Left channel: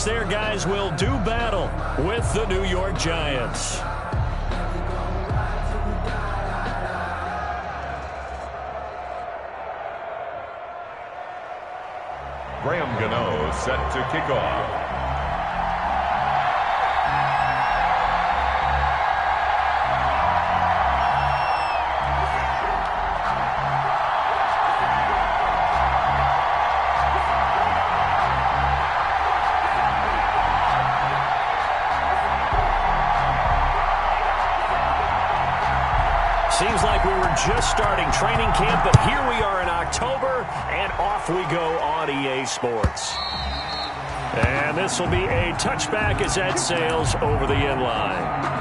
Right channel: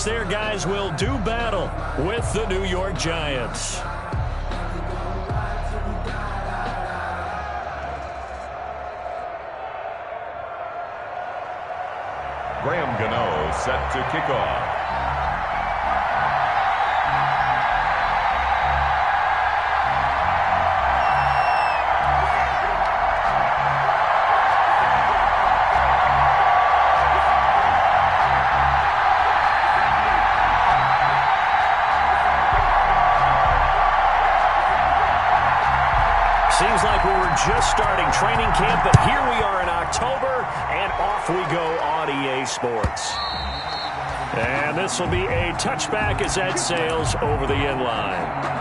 as their guys will do battle with the New York Giants. Graham Gano set to kick off. Seems like we were just starting training camp, but here we are in October, and off we go on EA Sports. And this will be a touchback as that sails over the end line.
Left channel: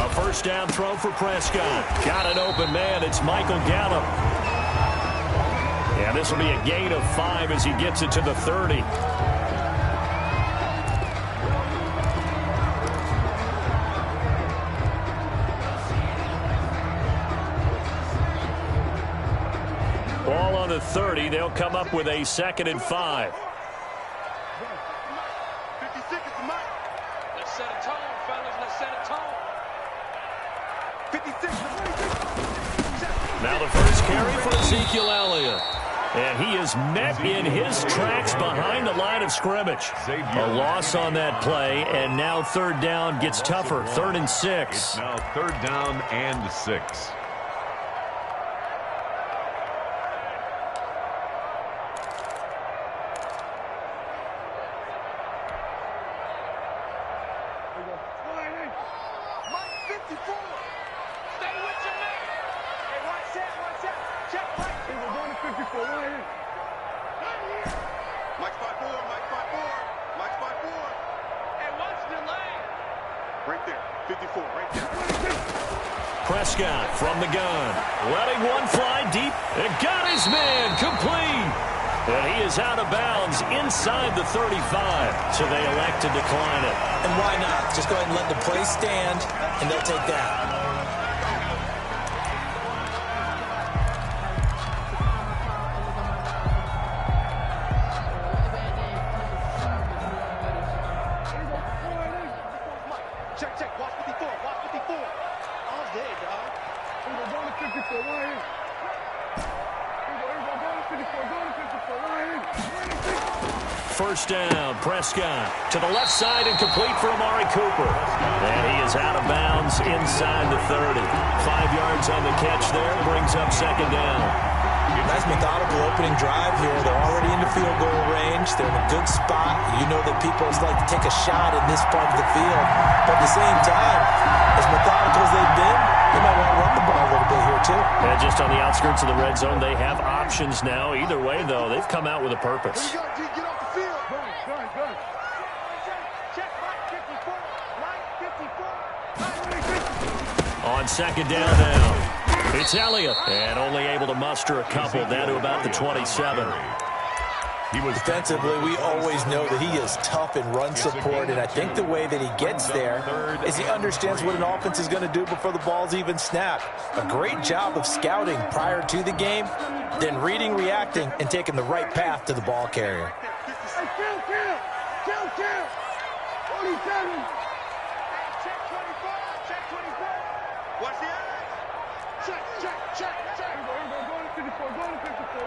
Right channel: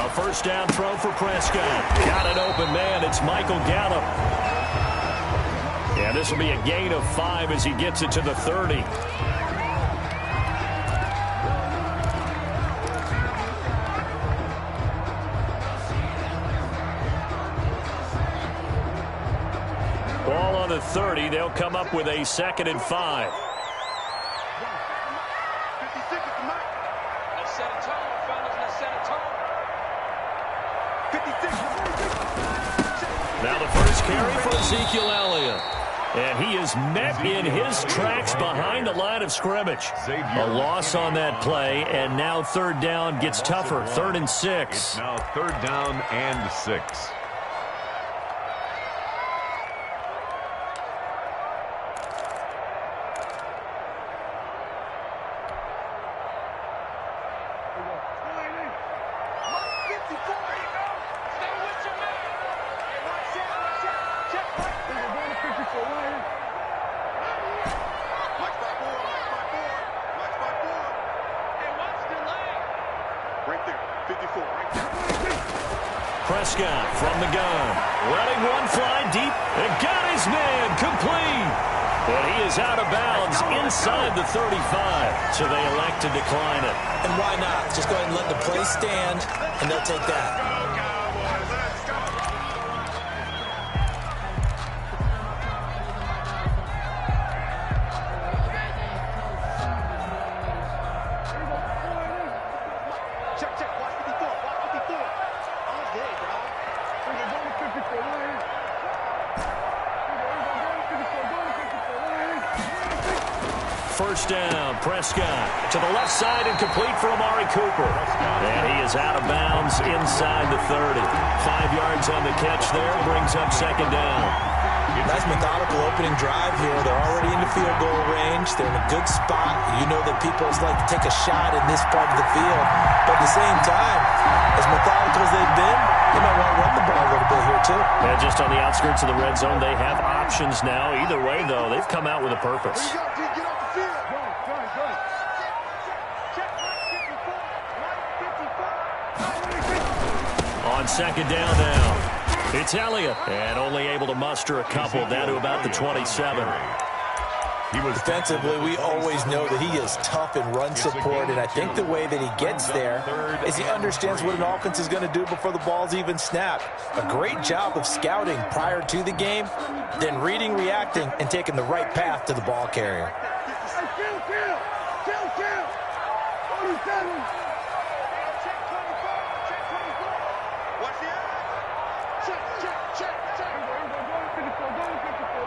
A first down throw for Prescott. Got an open man. It's Michael Gallup. Yeah, this will be a gain of 5 as he gets it to the 30. Ball on the 30. They'll come up with a 2nd and 5. 56 is the mark. Let's set a tone, fellas. Let's set a tone. 56. Now the first carry for Ezekiel Elliott. And he is met in his tracks behind the line of scrimmage. A loss on that play, and now 3rd down gets tougher. 3rd and 6. It's now 3rd down and 6. Prescott from the gun, letting one fly deep, and got his man complete. And he is out of bounds inside the 35, so they elect to decline it. And why not? Just go ahead and let the play stand, and they'll take that. First down, Prescott to the left side and complete for Amari Cooper. And he is out of bounds inside the 30. 5 yards on the catch there, brings up 2nd down. Nice methodical opening drive here. They're already into field goal range. They're in a good spot. You know that people like to take a shot in this part of the field. But at the same time, as methodical as they've been, they might want to run the ball a little bit here too. And just on the outskirts of the red zone, they have options now. Either way, though, they've come out with a purpose. Get off the field. Good. Check Mike 54. Mike 54. On 2nd down now, it's Elliott. And only able to muster a couple down to about the 27. Defensively, we always know that he is tough in run support, and I think the way that he gets there is he understands what an offense is going to do before the ball's even snapped. A great job of scouting prior to the game, then reading, reacting, and taking the right path to the ball carrier. Kill. 47. Check 24. Watch the eye. Check. Go to 54.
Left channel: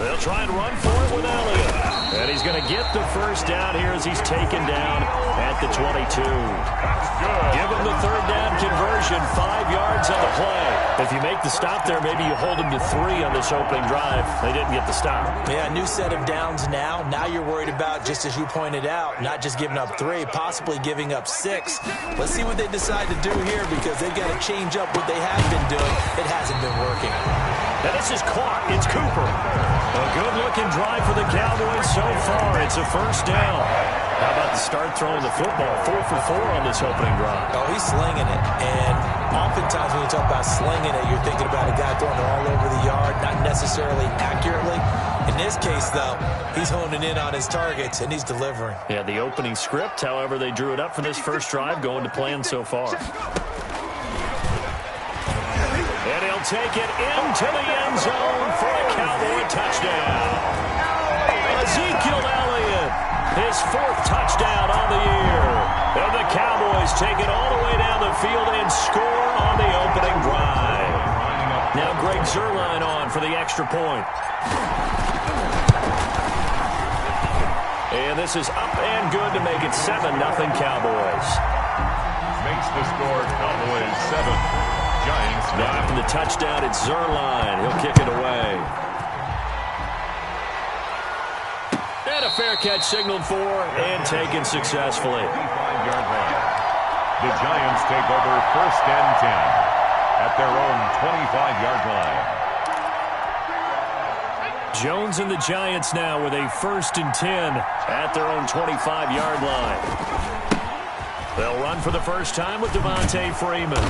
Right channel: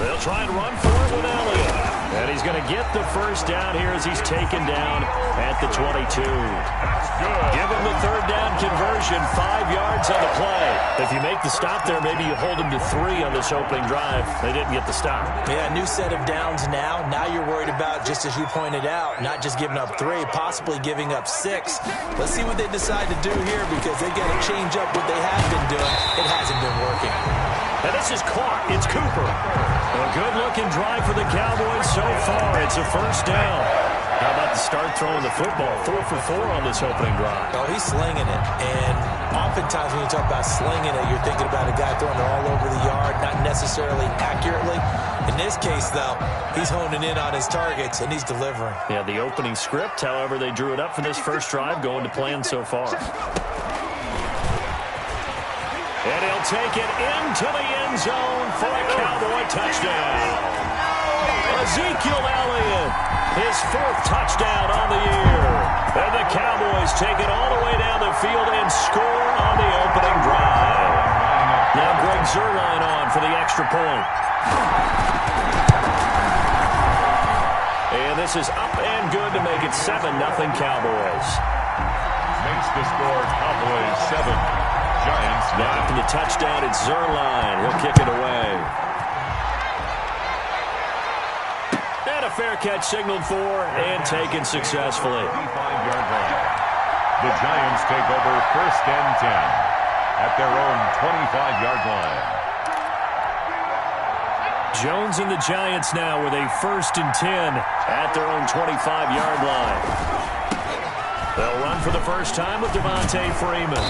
They'll try and run for it with Elliott. And he's going to get the first down here as he's taken down at the 22. That's good. Give him the third down conversion, 5 yards on the play. If you make the stop there, maybe you hold him to 3 on this opening drive. They didn't get the stop. Yeah, new set of downs now. Now you're worried about, just as you pointed out, not just giving up 3, possibly giving up 6. Let's see what they decide to do here because they've got to change up what they have been doing. It hasn't been working. And this is caught. It's Cooper. A good-looking drive for the Cowboys so far. It's a first down. How about the start throwing the football? 4 for 4 on this opening drive. Oh, he's slinging it. And oftentimes when you talk about slinging it, you're thinking about a guy throwing it all over the yard, not necessarily accurately. In this case, though, he's honing in on his targets, and he's delivering. Yeah, the opening script, however, they drew it up for this first drive, going to plan so far. And he'll take it into the end zone for a Cowboy touchdown. Ezekiel Elliott, his 4th touchdown on the year. And the Cowboys take it all the way down the field and score on the opening drive. Now Greg Zuerlein on for the extra point. And this is up and good to make it 7-0 Cowboys. Makes the score Cowboys 7. Giants now after the touchdown, it's Zuerlein. He'll kick it away. And a fair catch signaled for and taken successfully. 55-yard line. The Giants take over 1st and 10 at their own 25-yard line. Jones and the Giants now with a 1st and 10 at their own 25-yard line. They'll run for the first time with Devontae Freeman.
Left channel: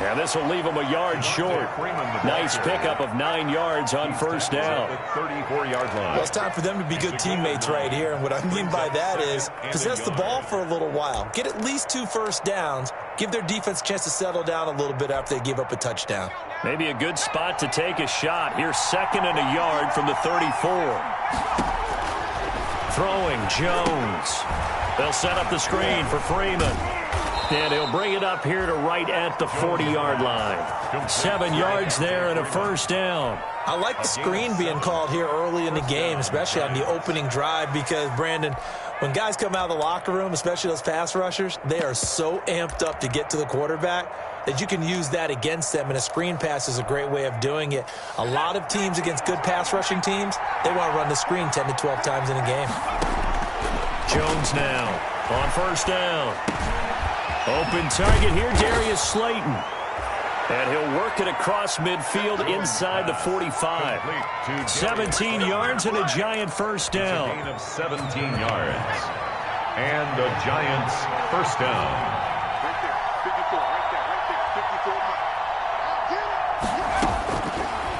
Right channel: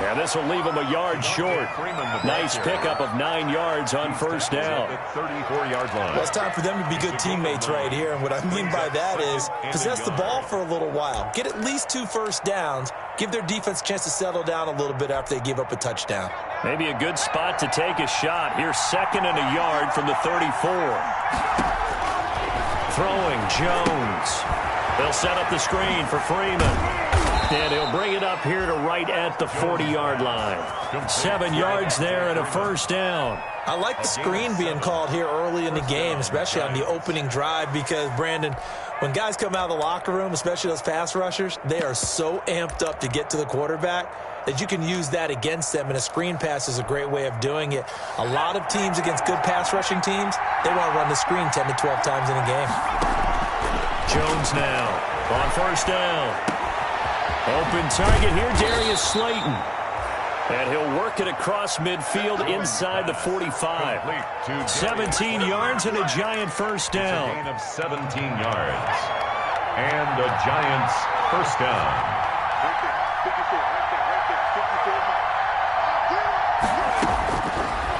And this will leave him a yard short. Nice pickup of 9 yards on first down. 34-yard line. Well, it's time for them to be good teammates right here. And what I mean by that is possess the ball for a little while. Get at least 2 first downs. Give their defense a chance to settle down a little bit after they give up a touchdown. Maybe a good spot to take a shot. Here's 2nd and a yard from the 34. Throwing Jones. They'll set up the screen for Freeman. And he'll bring it up here to right at the 40-yard line. 7 yards there and a first down. I like the screen being called here early in the game, especially on the opening drive, because, Brandon, when guys come out of the locker room, especially those pass rushers, they are so amped up to get to the quarterback that you can use that against them, and a screen pass is a great way of doing it. A lot of teams against good pass rushing teams, they want to run the screen 10 to 12 times in a game. Jones now on first down. Open target here, Darius Slayton. And he'll work it across midfield inside the 45. 17 yards and a Giant first down. Gain of 17 yards. And a Giants first down. Right there, 54, right there,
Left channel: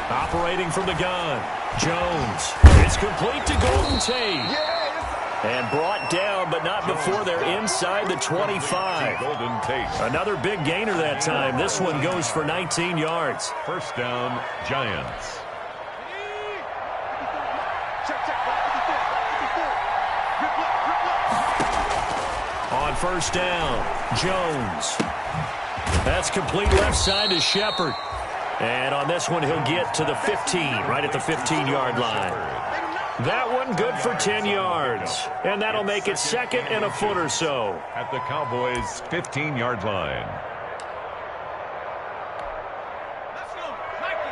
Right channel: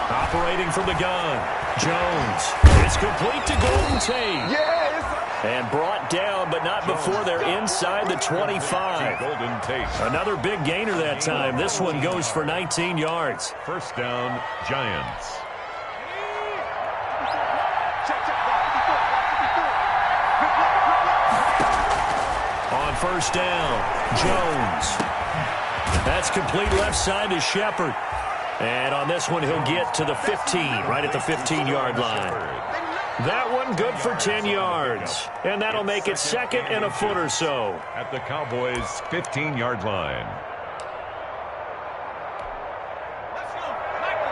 54. Operating from the gun. Jones. It's complete to Golden Tate. And brought down, but not before they're inside the 25. Golden Tate. Another big gainer that time. This one goes for 19 yards. First down, Giants. Check, block 54, block 54. On first down, Jones. That's complete left side to Shepard. And on this one, he'll get to the 15, right at the 15-yard line. That one good for 10 yards. And that'll make it 2nd and a foot or so. At the Cowboys' 15-yard line. Let's go. 19,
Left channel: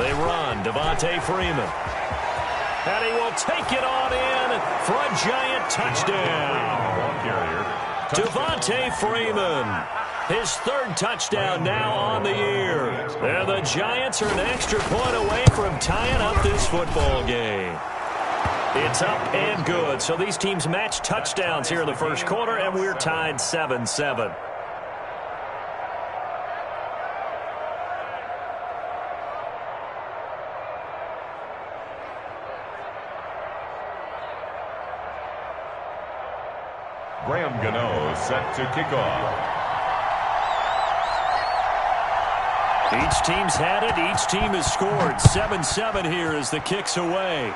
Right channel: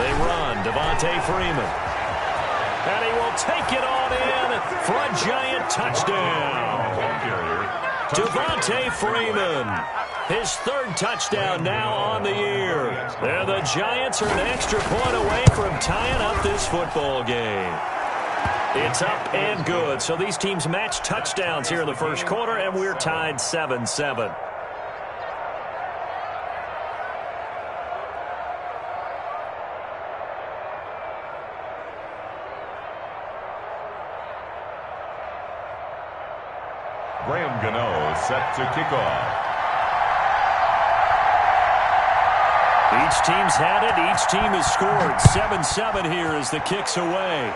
18. They run. Devontae Freeman. And he will take it on in for a Giant touchdown. Ball carrier. Devontae Freeman. His 3rd touchdown now on the year. And the Giants are an extra point away from tying up this football game. It's up and good. So these teams match touchdowns here in the first quarter, and we're tied 7-7. Graham Gano set to kick off. Each team's had it. Each team has scored. 7-7 here as the kick's away.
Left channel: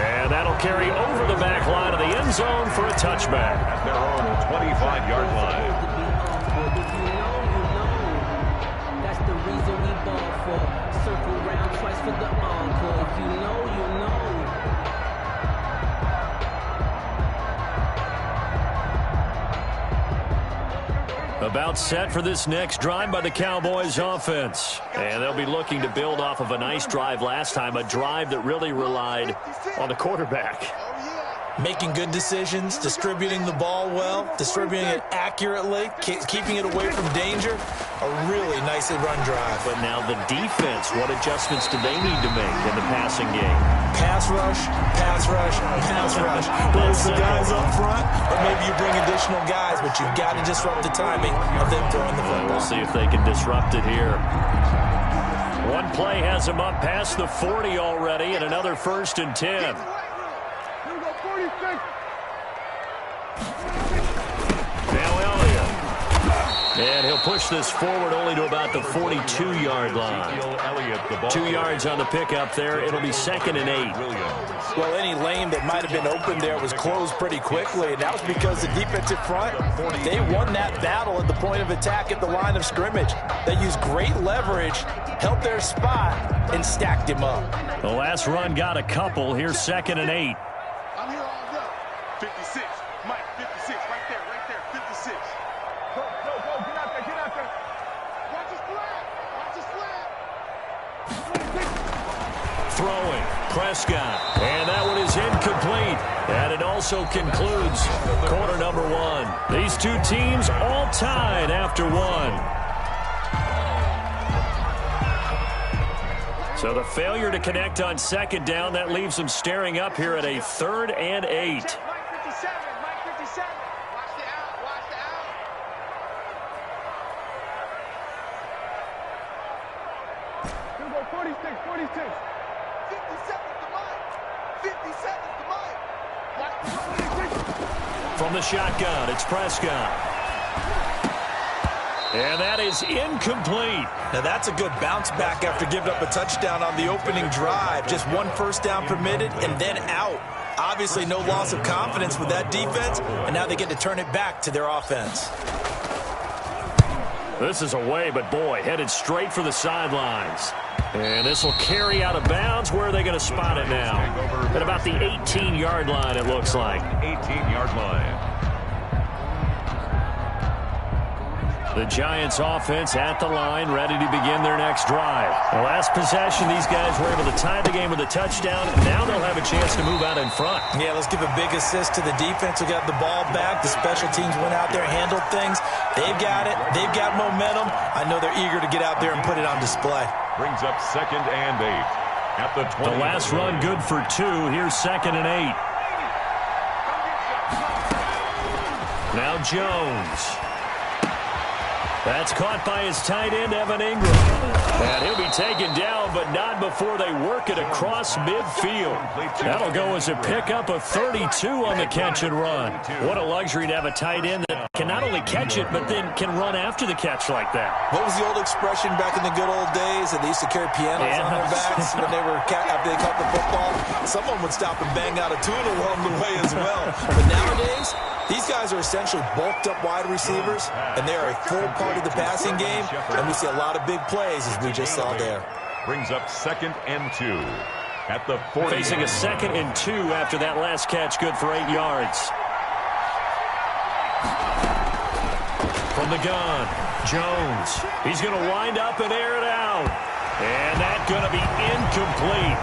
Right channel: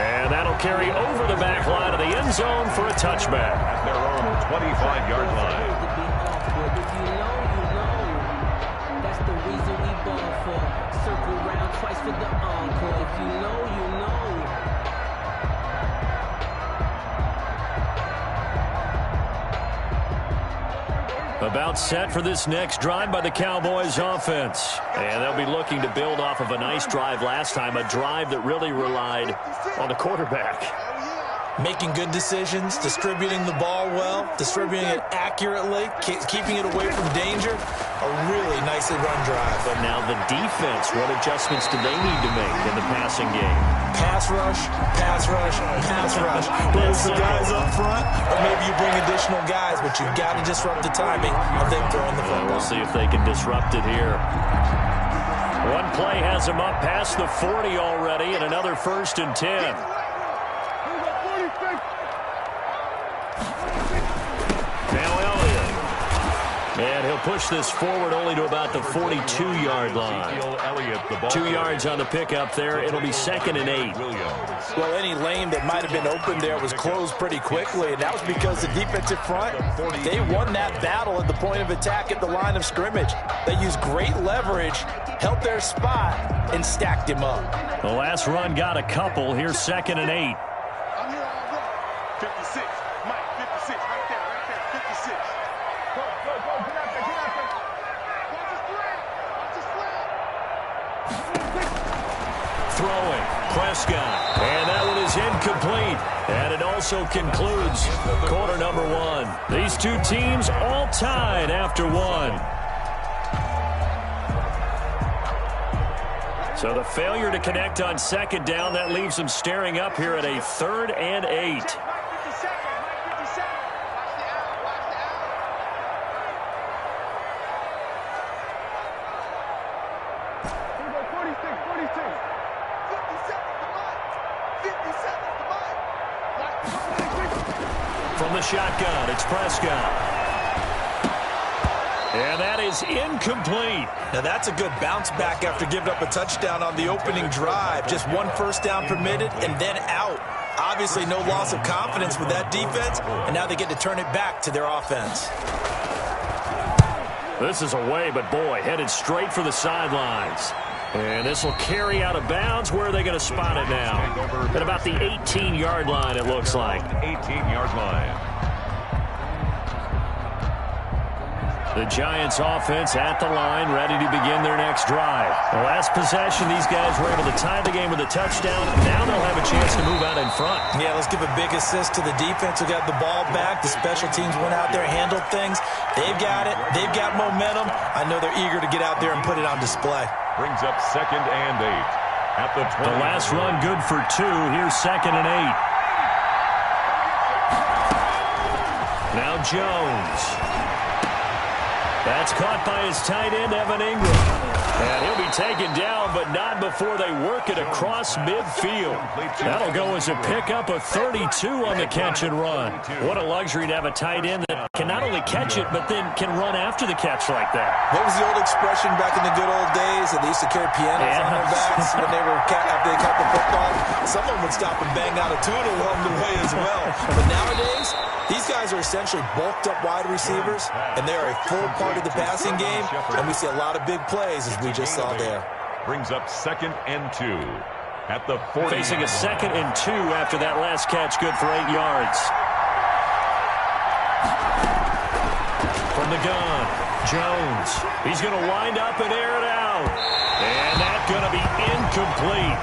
And That'll carry over the back line of the end zone for a touchback. At their own 25-yard line. If you know, you know. That's the reason we ball for. Circle round twice for the encore. If you know, you know. About set for this next drive by the Cowboys offense. And they'll be looking to build off of a nice drive last time, a drive that really relied on the quarterback. Making good decisions, distributing the ball well, distributing it accurately, keeping it away from danger. A really nicely run drive. But now the defense, what adjustments do they need to make in the passing game? Pass rush, pass rush, pass rush. Whether it's the guys up front, or maybe you bring additional guys, but you've got to disrupt the timing of them throwing the football. We'll see if they can disrupt it here. One play has them up past the 40 already, and another 1st and 10. Now Elliott. And he'll push this forward only to about the 42-yard line. 2 yards on the pickup there. It'll be 2nd and 8. Well, any lane that might have been open there was closed pretty quickly, and that was because the defensive front, they won that battle at the point of attack at the line of scrimmage. They used great leverage, held their spot, and stacked him up. The last run got a couple. Here's 2nd and 8. I'm here all day. 56. Mike, 56. Right there, 56. Go, get out there. Watch his flat. Throwing, Prescott, and that one is incomplete. And it also concludes quarter number 1. These two teams all tied after 1. So the failure to connect on 2nd down, that leaves them staring up here at a 3rd and 8. From the shotgun, it's Prescott. And that is incomplete. Now that's a good bounce back after giving up a touchdown on the opening drive. Just 1 first down permitted and then out. Obviously no loss of confidence with that defense, and now they get to turn it back to their offense. This is away, but boy, headed straight for the sidelines. And this will carry out of bounds. Where are they going to spot it now? At about the 18-yard line, it looks like. 18-yard line. The Giants offense at the line, ready to begin their next drive. The last possession, these guys were able to tie the game with a touchdown. Now they'll have a chance to move out in front. Yeah, let's give a big assist to the defense who got the ball back. The special teams went out there, handled things. They've got it. They've got momentum. I know they're eager to get out there and put it on display. Brings up 2nd and 8. At the 20. The last run good for 2. Here's 2nd and 8. Now Jones. That's caught by his tight end, Evan Ingram. And he'll be taken down, but not before they work it across midfield. That'll go as a pickup of 32 on the catch and run. What a luxury to have a tight end that can not only catch it, but then can run after the catch like that. What was the old expression back in the good old days that they used to carry pianos on their backs when they were after they caught the football? Someone would stop and bang out a tune along the way as well. But nowadays, these guys are essentially bulked up wide receivers, and they are a full part of the passing game, and we see a lot of big plays as we just saw there. Brings up 2nd and 2 at the 40. Facing a 2nd and 2 after that last catch, good for 8 yards. From the gun, Jones. He's going to wind up and air it out. And that's going to be incomplete.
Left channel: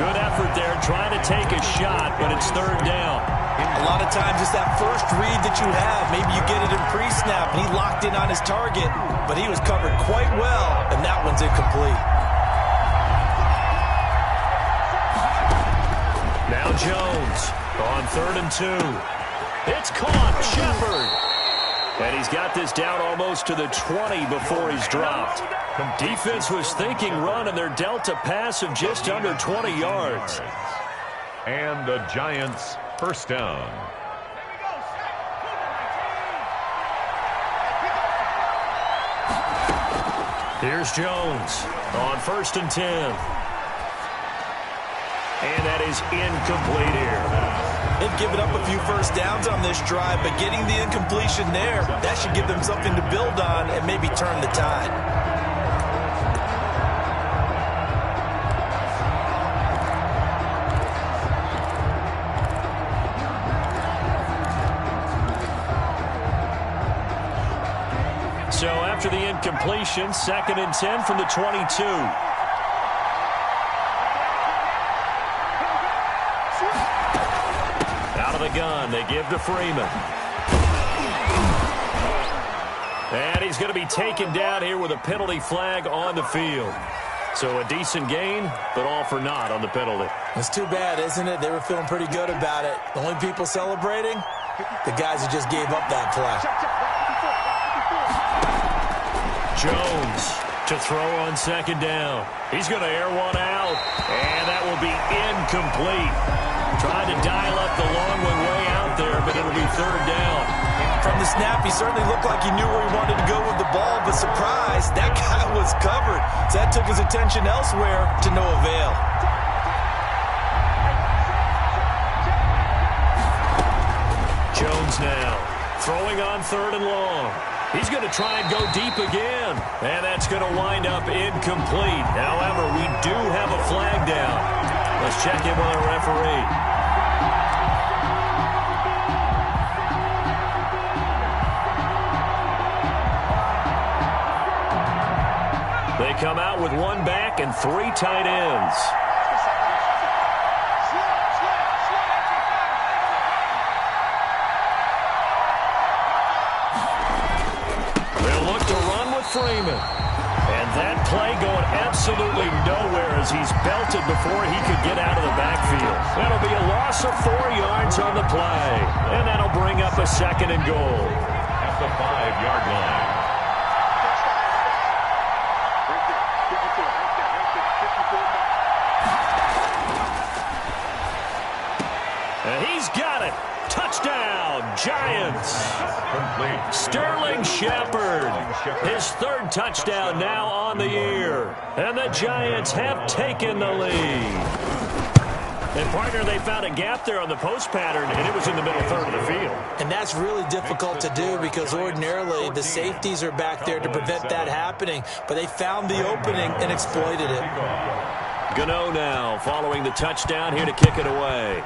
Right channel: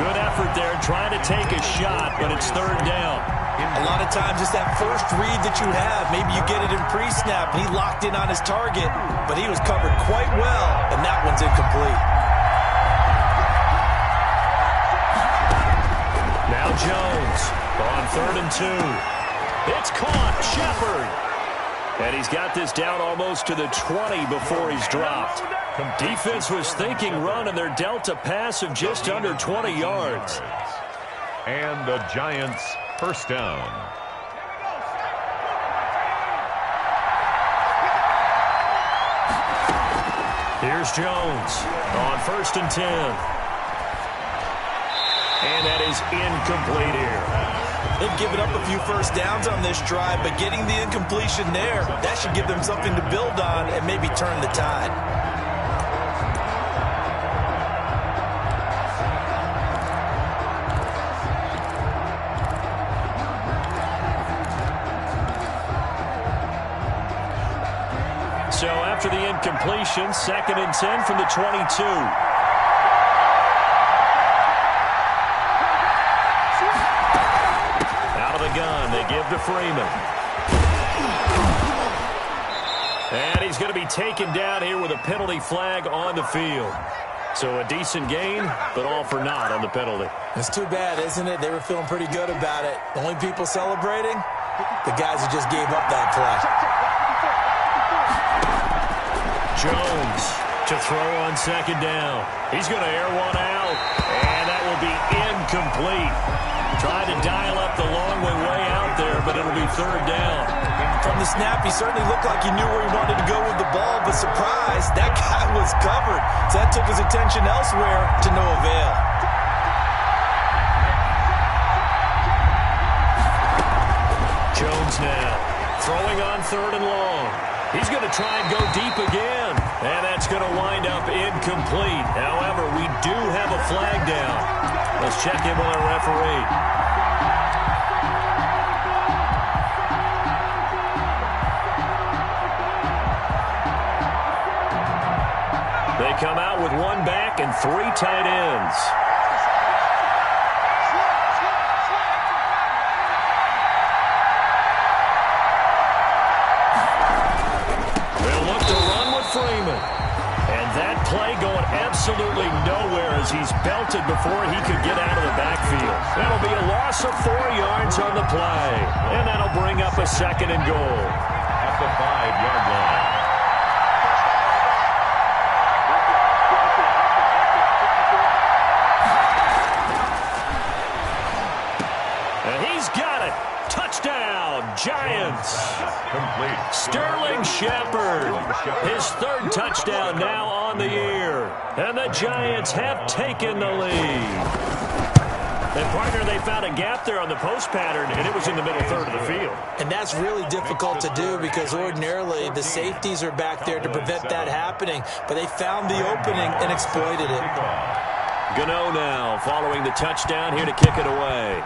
Good effort there, trying to take a shot, but it's 3rd down. A lot of times it's that first read that you have. Maybe you get it in pre-snap, and he locked in on his target, but he was covered quite well, and that one's incomplete. Now Jones on 3rd and 2. It's caught, Shepard. And he's got this down almost to the 20 before he's dropped. Defense was thinking run, and they're dealt a pass of just under 20 yards. And the Giants' first down. Here's Jones on 1st and 10. And that is incomplete here. They've given up a few first downs on this drive, but getting the incompletion there, that should give them something to build on and maybe turn the tide. So after the incompletion, 2nd and 10 from the 22. Out of the gun, they give to Freeman. And he's going to be taken down here with a penalty flag on the field. So a decent gain, but all for naught on the penalty. It's too bad, isn't it? They were feeling pretty good about it. The only people celebrating, the guys who just gave up that play. Jones to throw on 2nd down. He's going to air one out, and that will be incomplete. Trying to dial up the long way out there, but it'll be 3rd down. From the snap, he certainly looked like he knew where he wanted to go with the ball, but surprise, that guy was covered. So that took his attention elsewhere to no avail. Jones now throwing on 3rd and long. He's going to try and go deep again, and that's going to wind up incomplete. However, we do have a flag down. Let's check in with our referee. They come out with 1 back and 3 tight ends. Freeman. And that play going absolutely nowhere as he's belted before he could get out of the backfield. That'll be a loss of 4 yards on the play. And that'll bring up a 2nd and goal. At the 5-yard line. And he's got it. Touchdown, Giants. Complete. Sterling Shepard. His 3rd touchdown now on the year. And the Giants have taken the lead. And, partner, they found a gap there on the post pattern, and it was in the middle 3rd of the field. And that's really difficult to do because ordinarily the safeties are back there to prevent that happening. But they found the opening and exploited it. Gano now following the touchdown here to kick it away.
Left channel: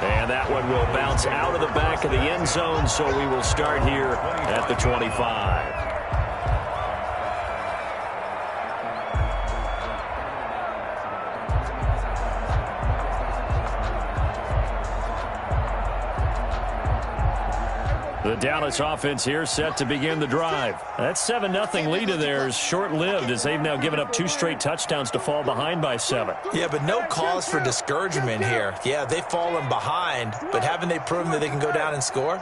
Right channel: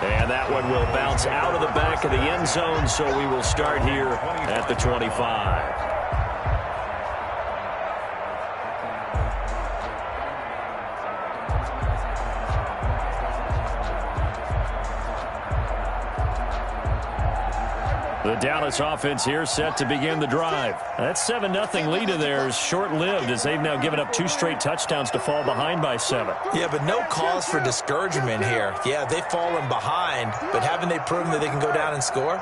And that one will bounce out of the back of the end zone, so we will start here at the 25. The Dallas offense here set to begin the drive. That 7-0 lead of theirs short-lived as they've now given up 2 straight touchdowns to fall behind by 7. Yeah, but no cause for discouragement here. Yeah, they've fallen behind, but haven't they proven that they can go down and score?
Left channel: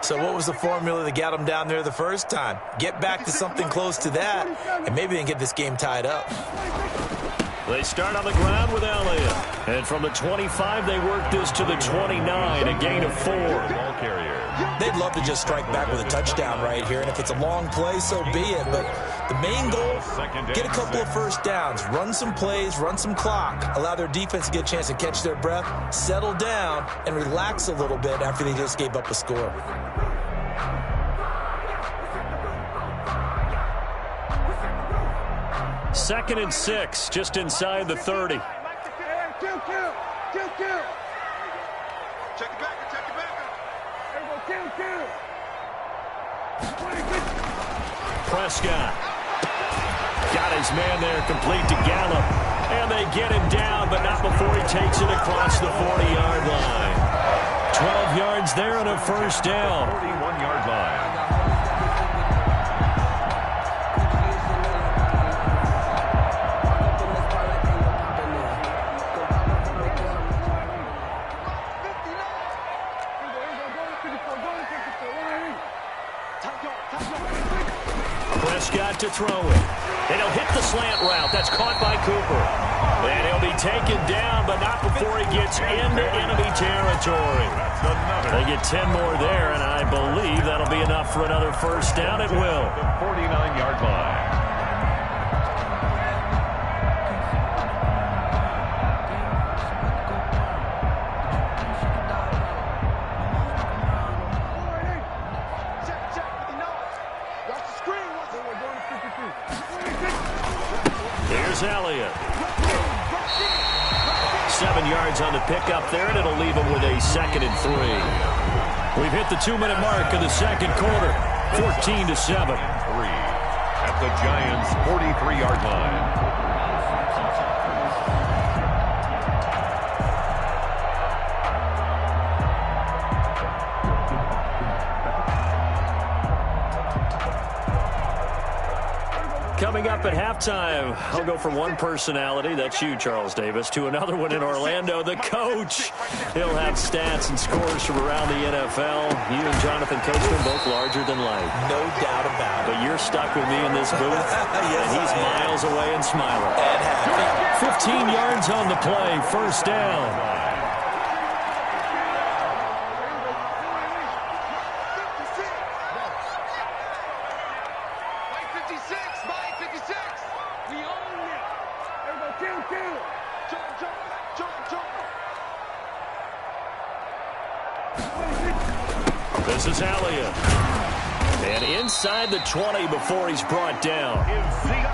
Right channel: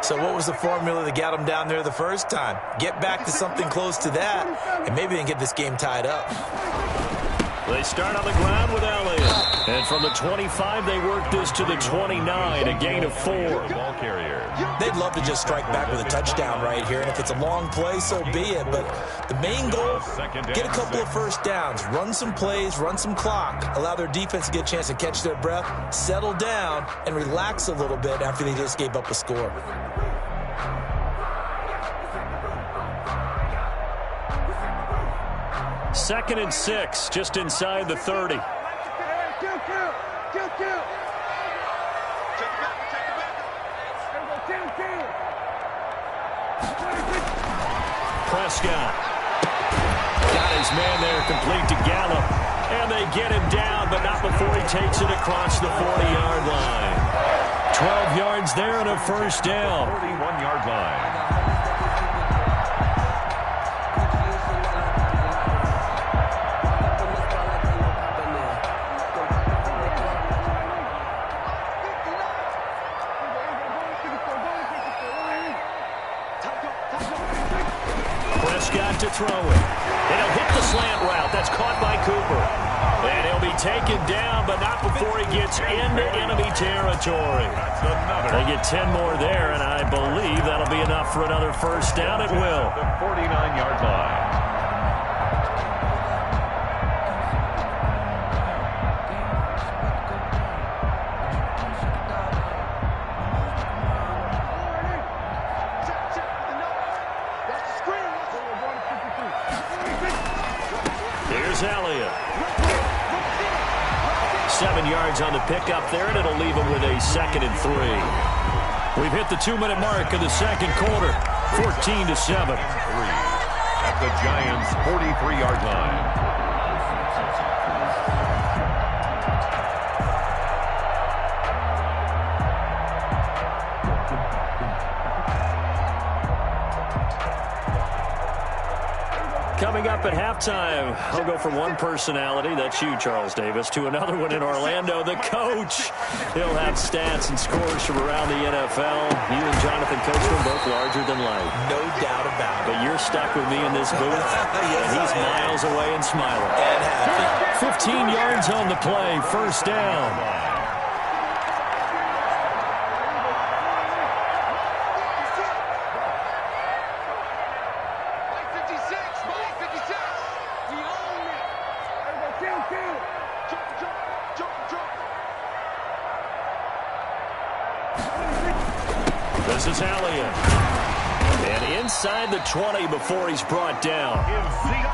So what was the formula that got them down there the first time? Get back to something close to that, and maybe they can get this game tied up. They start on the ground with Elliott. And from the 25, they work this to the 29, a gain of 4. Ball carrier. They'd love to just strike back with a touchdown right here, and if it's a long play, so be it. But the main goal, get a couple of first downs, run some plays, run some clock, allow their defense to get a chance to catch their breath, settle down, and relax a little bit after they just gave up a score. Second and 6, just inside the 30. Check it back. There we go, Prescott got his man there, complete to Gallup. And they get him down, but not before he takes it across the 40-yard line. 12 yards there and a first down. 41-yard line. Prescott to throw it. And he'll hit the slant route. That's caught by Cooper. And he'll be taken down, but not before he gets into enemy territory. They get 10 more there, and I believe that'll be enough for another first down. It will. The 49-yard line. Here's Elliott. 7 yards on the pickup there, and it'll leave him with a 2nd and 3. We've hit the 2-minute mark of the second quarter. 14-7. At the Giants' 43-yard line. Coming up at halftime, I'll go from one personality, that's you, Charles Davis, to another one in Orlando, the coach. He'll have stats and scores from around the NFL. You and Jonathan Coachman both larger than life. No doubt about it. But you're stuck with me in this booth, yes, and he's miles away and smiling. And happy. 15 yards on the play, first down. This is Elliott. And inside the 20 before he's brought down.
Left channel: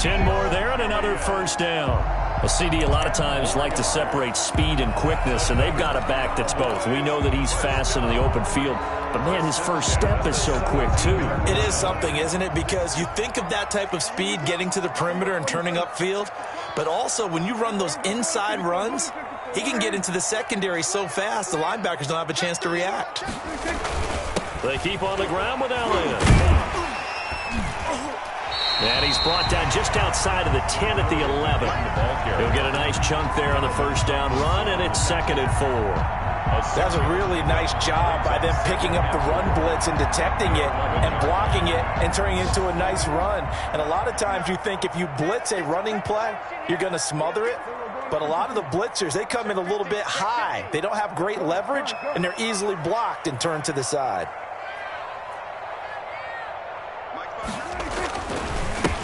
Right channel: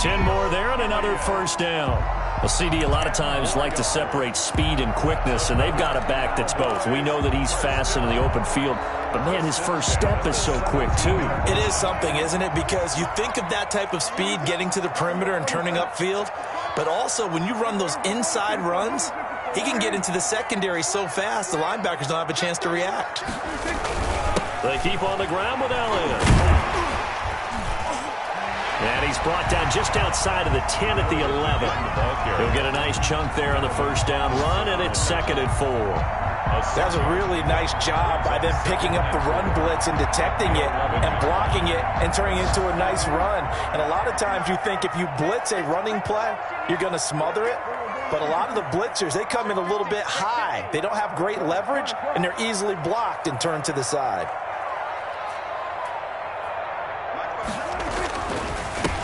10 more there and another first down. Well, CD, a lot of times like to separate speed and quickness, and they've got a back that's both. We know that he's fast in the open field, but, man, his first step is so quick, too. It is something, isn't it? Because you think of that type of speed getting to the perimeter and turning upfield, but also when you run those inside runs, he can get into the secondary so fast the linebackers don't have a chance to react. They keep on the ground with Elliott. And he's brought down just outside of the 10 at the 11. He'll get a nice chunk there on the first down run, and it's 2nd and 4. That's a really nice job by them picking up the run blitz and detecting it and blocking it and turning it into a nice run. And a lot of times you think if you blitz a running play, you're going to smother it. But a lot of the blitzers, they come in a little bit high. They don't have great leverage, and they're easily blocked and turned to the side.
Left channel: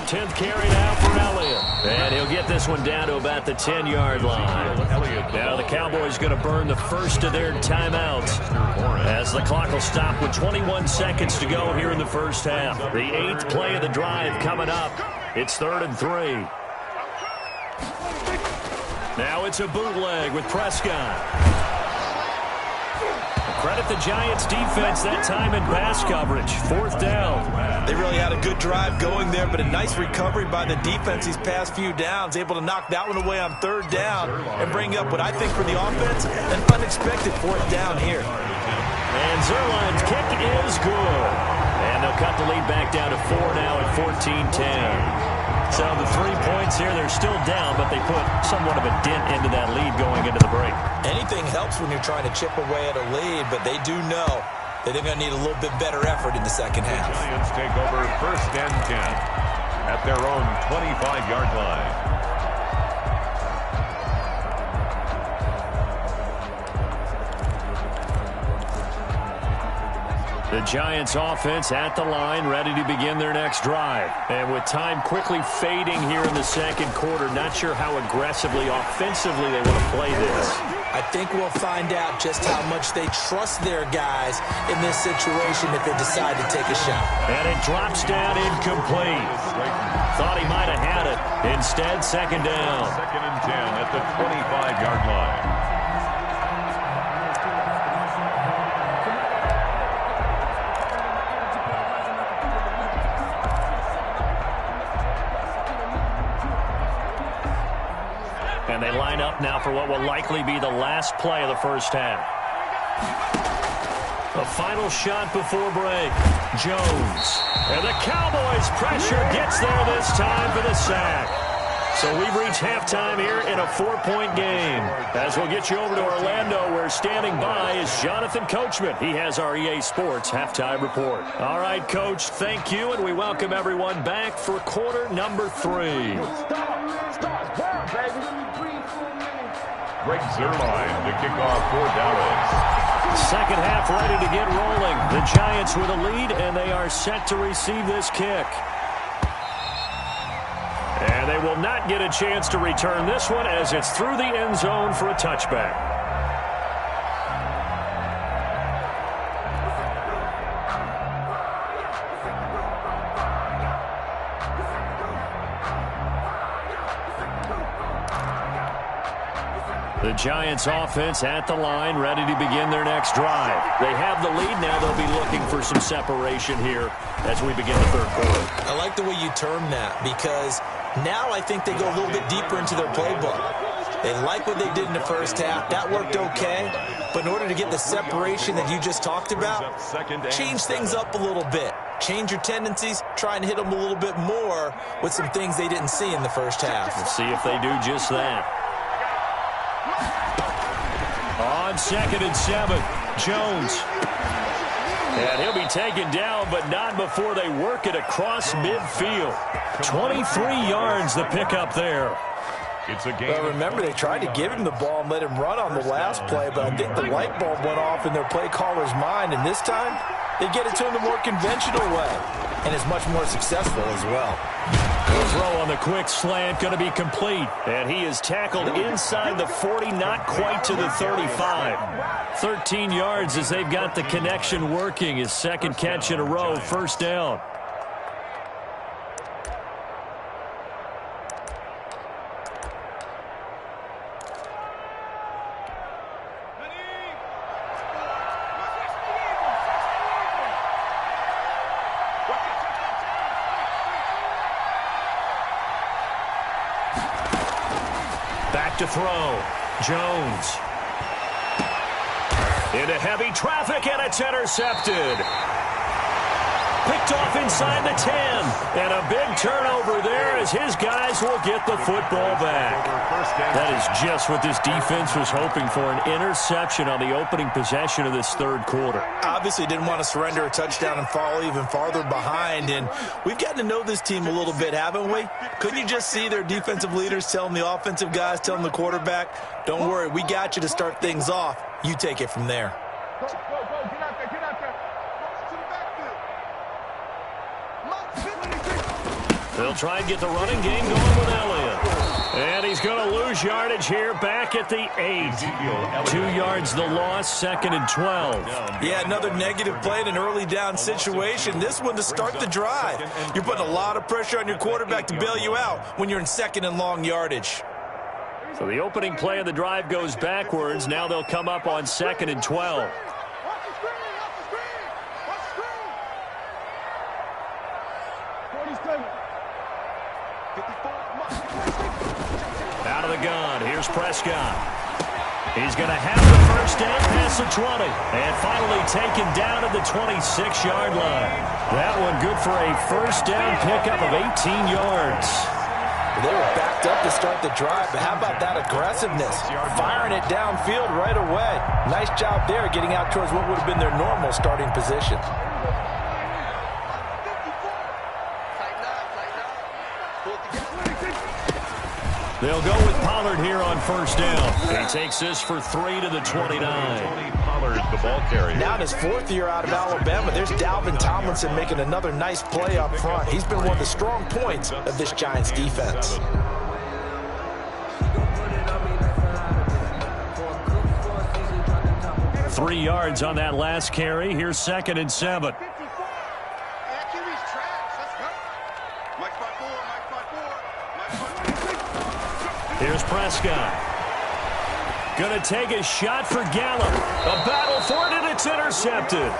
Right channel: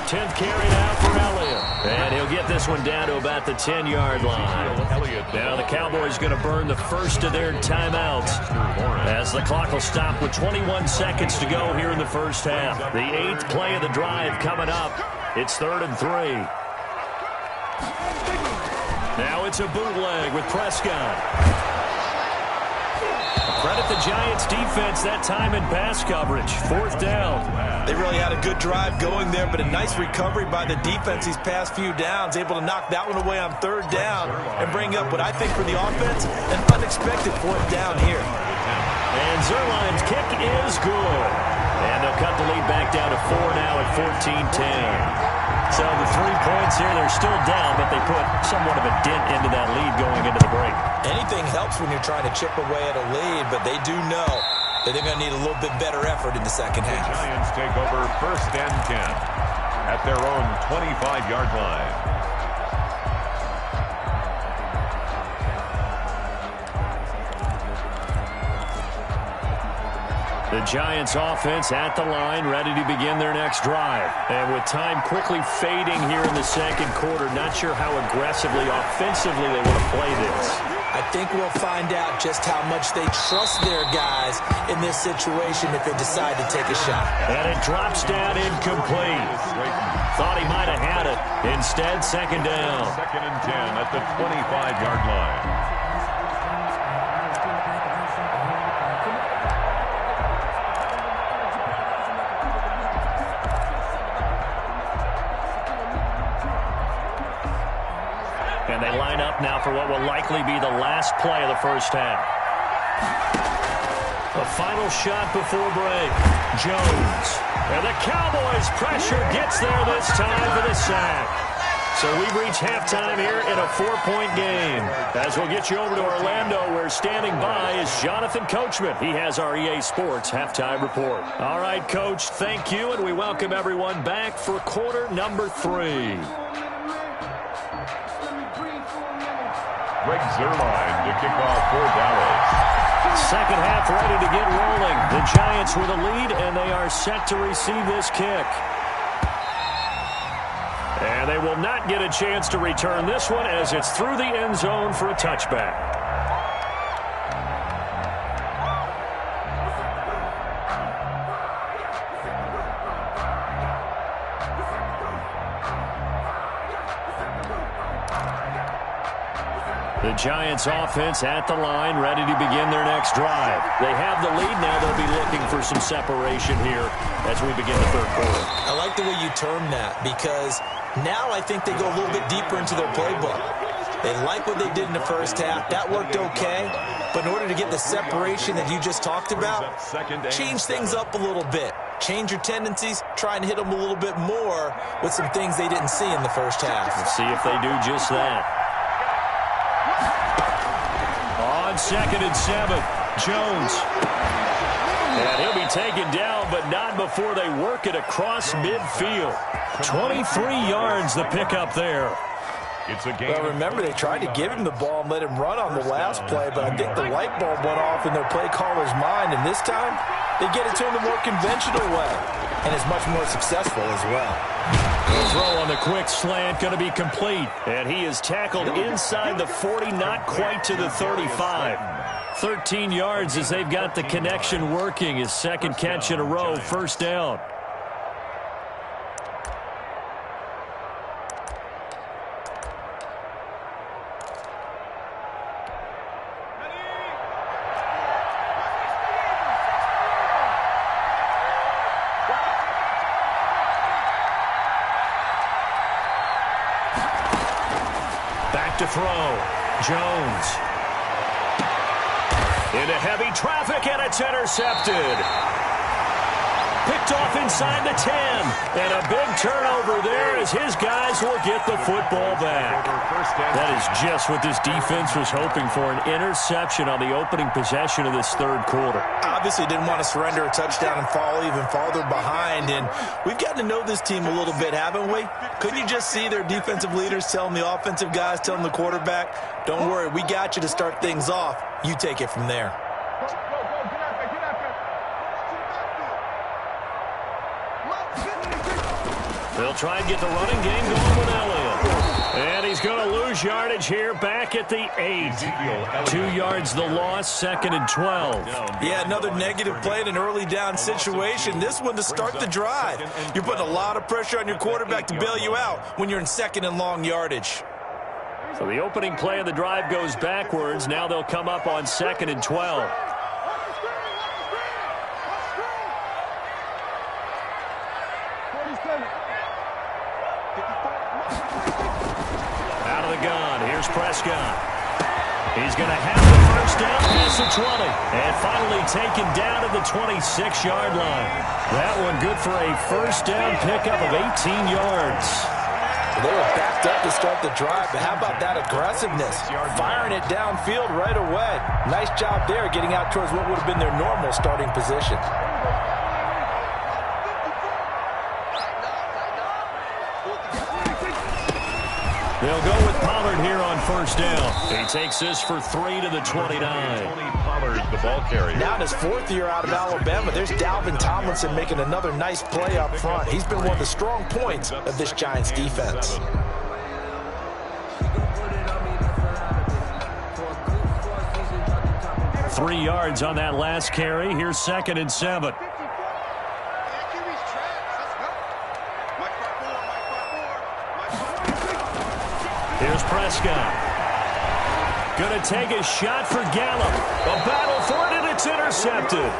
10th carry now for Elliott. And he'll get this one down to about the 10-yard line. Now the Cowboys going to burn the first of their timeouts as the clock will stop with 21 seconds to go here in the first half. The 8th play of the drive coming up. It's 3rd and 3. Now it's a bootleg with Prescott. Credit the Giants defense that time in pass coverage. 4th down. They really had a good drive going there, but a nice recovery by the defense these past few downs, able to knock that one away on 3rd down and bring up what I think for the offense, an unexpected 4th down here. And Zerline's kick is good. And they'll cut the lead back down to 4 now at 14-10. So the 3 points here, they're still down, but they put somewhat of a dent into that lead going into the break. Anything helps when you're trying to chip away at a lead, but they do know that they're going to need a little bit better effort in the second half. The Giants take over 1st and 10 at their own 25-yard line. The Giants offense at the line, ready to begin their next drive. And with time quickly fading here in the second quarter, not sure how aggressively, offensively they want to play this. I think we'll find out just how much they trust their guys in this situation if they decide to take a shot. And it drops down incomplete. Thought he might have had it. Instead, 2nd down. 2nd and 10 at the 25-yard line. And they line up now for what will likely be the last play of the first half. The final shot before break. Jones. And the Cowboys' pressure gets there this time for the sack. So we've reached halftime here in a 4-point game. As we'll get you over to Orlando, where standing by is Jonathan Coachman. He has our EA Sports halftime report. All right, Coach, thank you, and we welcome everyone back for quarter number 3. Greg Zerline to kick off for Dallas. Second half ready to get rolling. The Giants with a lead, and they are set to receive this kick. And they will not get a chance to return this one as it's through the end zone for a touchback. The Giants offense at the line, ready to begin their next drive. They have the lead. Now they'll be looking for some separation here as we begin the third quarter. I like the way you term that, because now I think they go a little bit deeper into their playbook. They like what they did in the first half. That worked okay. But in order to get the separation that you just talked about, change things up a little bit. Change your tendencies, try and hit them a little bit more with some things they didn't see in the first half. Let's see if they do just that. On 2nd and 7, Jones. And he'll be taken down, but not before they work it across midfield. 23 yards the pickup there. It's a game. Well, remember, they tried to give him the ball and let him run on the last play, but I think the light bulb went off in their play caller's mind, and this time they get it to him the more conventional way, and is much more successful as well. The throw on the quick slant going to be complete, and he is tackled inside the 40, not quite to the 35. 13 yards as they've got the connection working. His second catch in a row, first down. Back to throw. Jones. Into heavy traffic, and it's intercepted. Picked off inside the 10. And a big turnover there as his guys will get the football back. That is just what this defense was hoping for, an interception on the opening possession of this third quarter. Obviously didn't want to surrender a touchdown and fall even farther behind, and we've gotten to know this team a little bit, haven't we? Couldn't you just see their defensive leaders telling the offensive guys, telling the quarterback, don't worry, we got you to start things off. You take it from there. Go, get out there, get out there. Close to the backfield. They'll try and get the running game going with Elliott. And he's going to lose yardage here back at the 8. 2 yards the loss, 2nd and 12. Yeah, another negative play in an early down situation. This one to start the drive. You're putting a lot of pressure on your quarterback to bail you out when you're in 2nd and long yardage. So the opening play of the drive goes backwards. Now they'll come up on 2nd and 12. Out of the gun, here's Prescott. He's going to have the first down past the 20. And finally taken down at the 26-yard line. That one good for a first down pickup of 18 yards. They were backed up to start the drive, but how about that aggressiveness? Firing it downfield right away. Nice job there getting out towards what would have been their normal starting position. They'll go with Pollard here on first down. He takes this for 3 to the 29. Tony Pollard, the ball carrier. Now in his 4th year out of Alabama, there's Dalvin Tomlinson making another nice play up front. He's been one of the strong points of this Giants defense. Three yards on that last carry. Here's 2nd and 7. Here's Prescott. Going to take a shot for Gallup. A battle for it, and it's intercepted.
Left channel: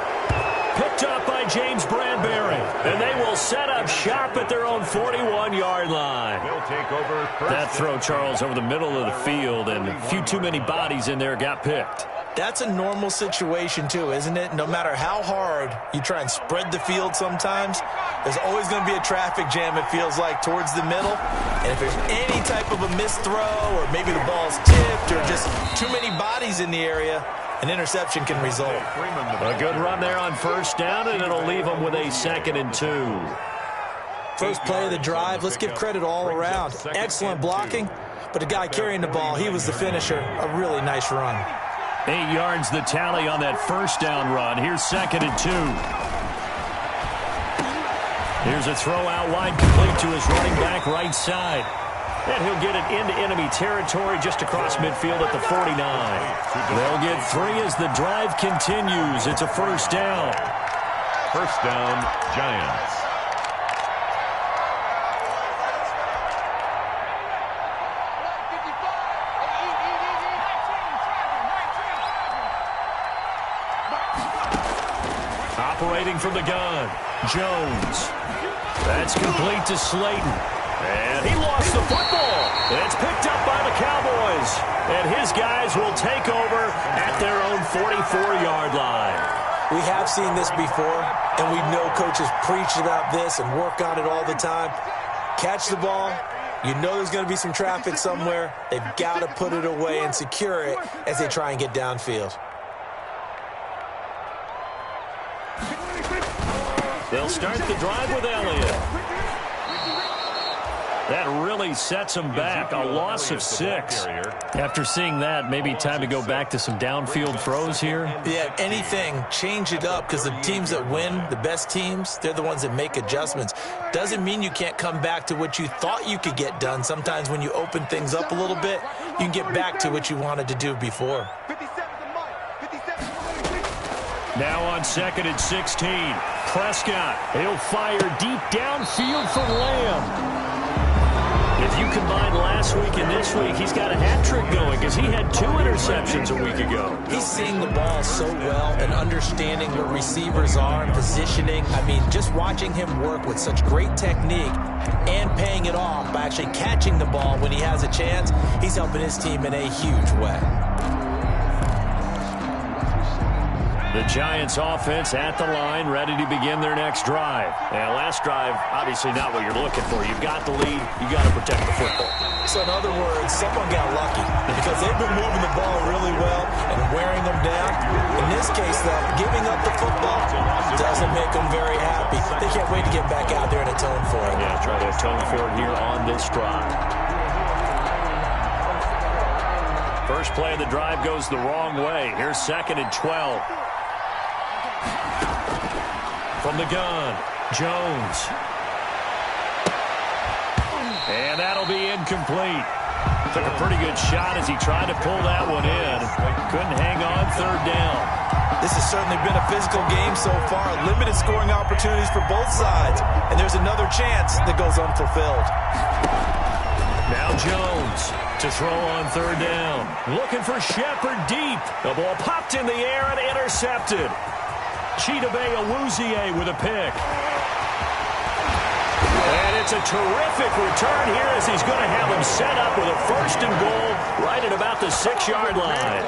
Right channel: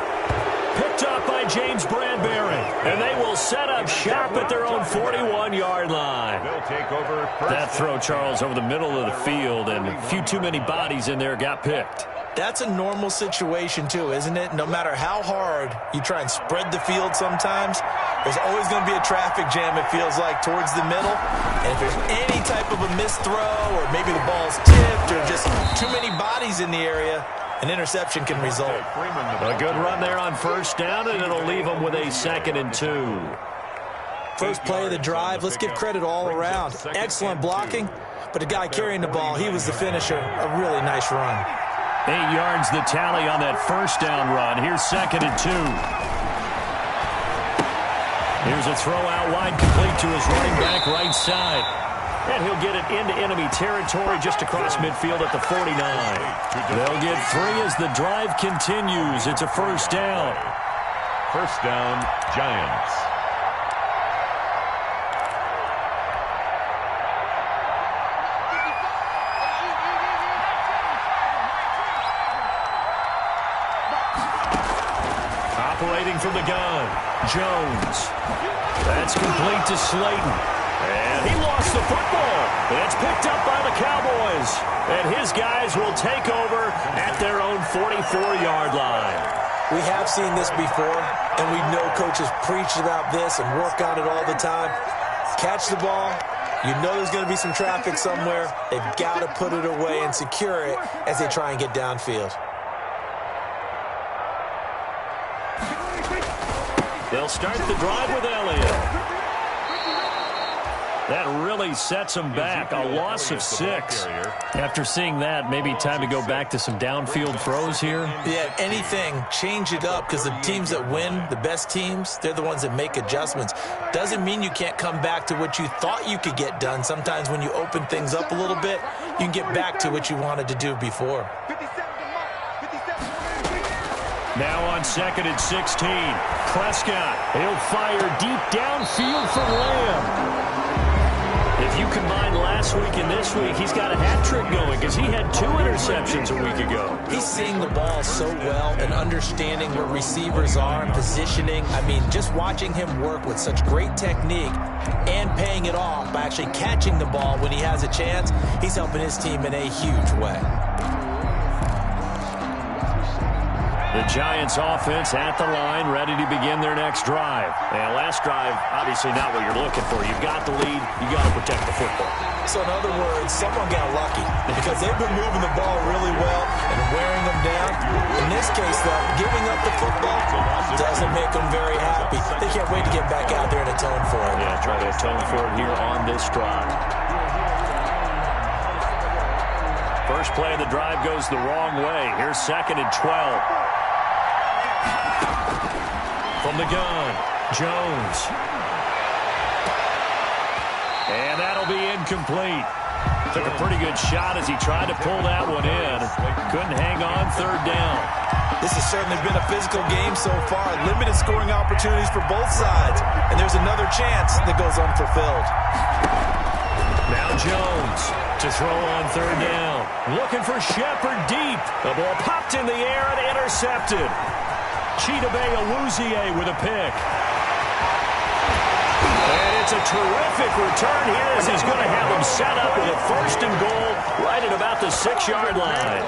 Picked up by James Bradbury. And they will set up shop at their own 41-yard line. They'll take over. That throw, Charles, over the middle of the field, and a few too many bodies in there got picked. That's a normal situation too, isn't it? No matter how hard you try and spread the field sometimes, there's always going to be a traffic jam, it feels like, towards the middle. And if there's any type of a missed throw, or maybe the ball's tipped, or just too many bodies in the area, an interception can result. A good run there on first down, and it'll leave them with a 2nd and 2. First play of the drive, let's give credit all around. Excellent blocking, but the guy carrying the ball, he was the finisher. A really nice run. 8 yards the tally on that first down run. Here's 2nd and 2. Here's a throw out wide, complete to his running back right side. And he'll get it into enemy territory just across midfield at the 49. They'll get 3 as the drive continues. It's a first down. First down, Giants. operating from the gun. Jones. That's complete to Slayton. And he lost the football. It's picked up by the Cowboys. And his guys will take over at their own 44-yard line. We have seen this before, and we know coaches preach about this and work on it all the time. Catch the ball. You know there's going to be some traffic somewhere. They've got to put it away and secure it as they try and get downfield. They'll start the drive with Elliott. That really sets them back. A loss of 6. After seeing that, maybe time to go back to some downfield throws here. Yeah, anything, change it up, because the teams that win, the best teams, they're the ones that make adjustments. Doesn't mean you can't come back to what you thought you could get done. Sometimes when you open things up a little bit, you can get back to what you wanted to do before. Now on 2nd and 16, Prescott. He'll fire deep downfield for Lamb. If you combine last week and this week, he's got a hat trick going because he had 2 interceptions a week ago. He's seeing the ball so well and understanding where receivers are and positioning. I mean, just watching him work with such great technique and paying it off by actually catching the ball when he has a chance, he's helping his team in a huge way. The Giants offense at the line, ready to begin their next drive. And last drive, obviously not what you're looking for. You've got the lead. You've got to protect the football. So in other words, someone got lucky because they've been moving the ball really well and wearing them down. In this case, though, giving up the football doesn't make them very happy. They can't wait to get back out there and atone for it. Yeah, try to atone for it here on this drive. First play of the drive goes the wrong way. Here's 2nd and 12. From the gun, Jones. And that'll be incomplete. Took a pretty good shot as he tried to pull that one in. Couldn't hang on 3rd down. This has certainly been a physical game so far. Limited scoring opportunities for both sides. And there's another chance that goes unfulfilled. Now Jones to throw on 3rd down. Looking for Shepard deep. The ball popped in the air and intercepted. Chidobe Awuzie with a pick. And it's a terrific return here as he's going to have him set up with a 1st and goal right at about the 6-yard line.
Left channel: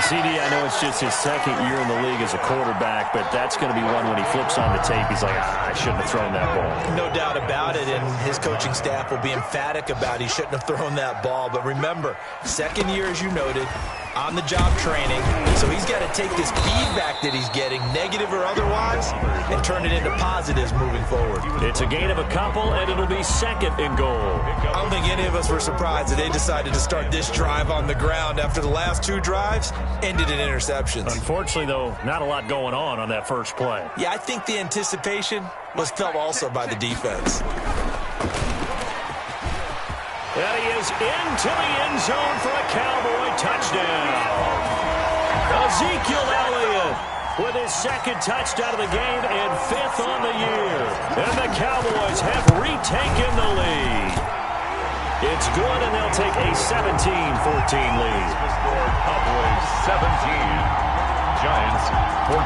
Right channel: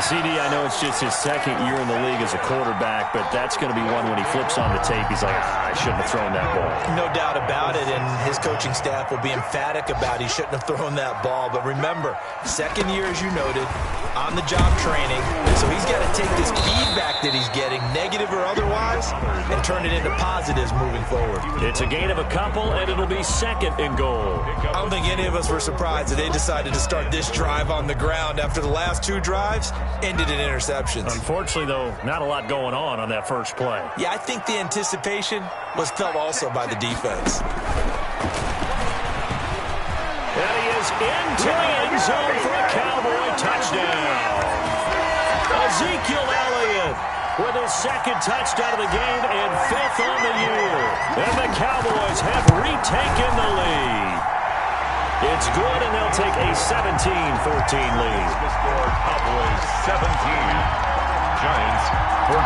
CD, I know it's just his 2nd year in the league as a quarterback, but that's going to be one when he flips on the tape. He's like, I shouldn't have thrown that ball. No doubt about it, and his coaching staff will be emphatic about he shouldn't have thrown that ball. But remember, 2nd year, as you noted, on-the-job training, so he's got to take this feedback that he's getting, negative or otherwise, and turn it into positives moving forward. It's a gain of a couple, and it'll be 2nd and goal. I don't think any of us were surprised that they decided to start this drive on the ground after the last 2 drives ended in interceptions. Unfortunately, though, not a lot going on that first play. Yeah, I think the anticipation was felt also by the defense. And he is into the end zone for a Cowboy touchdown. Ezekiel Elliott with his 2nd touchdown of the game and 5th on the year. And the Cowboys have retaken the lead. It's good, and they'll take a 17-14 lead. The score, Cowboys 17, Giants 14.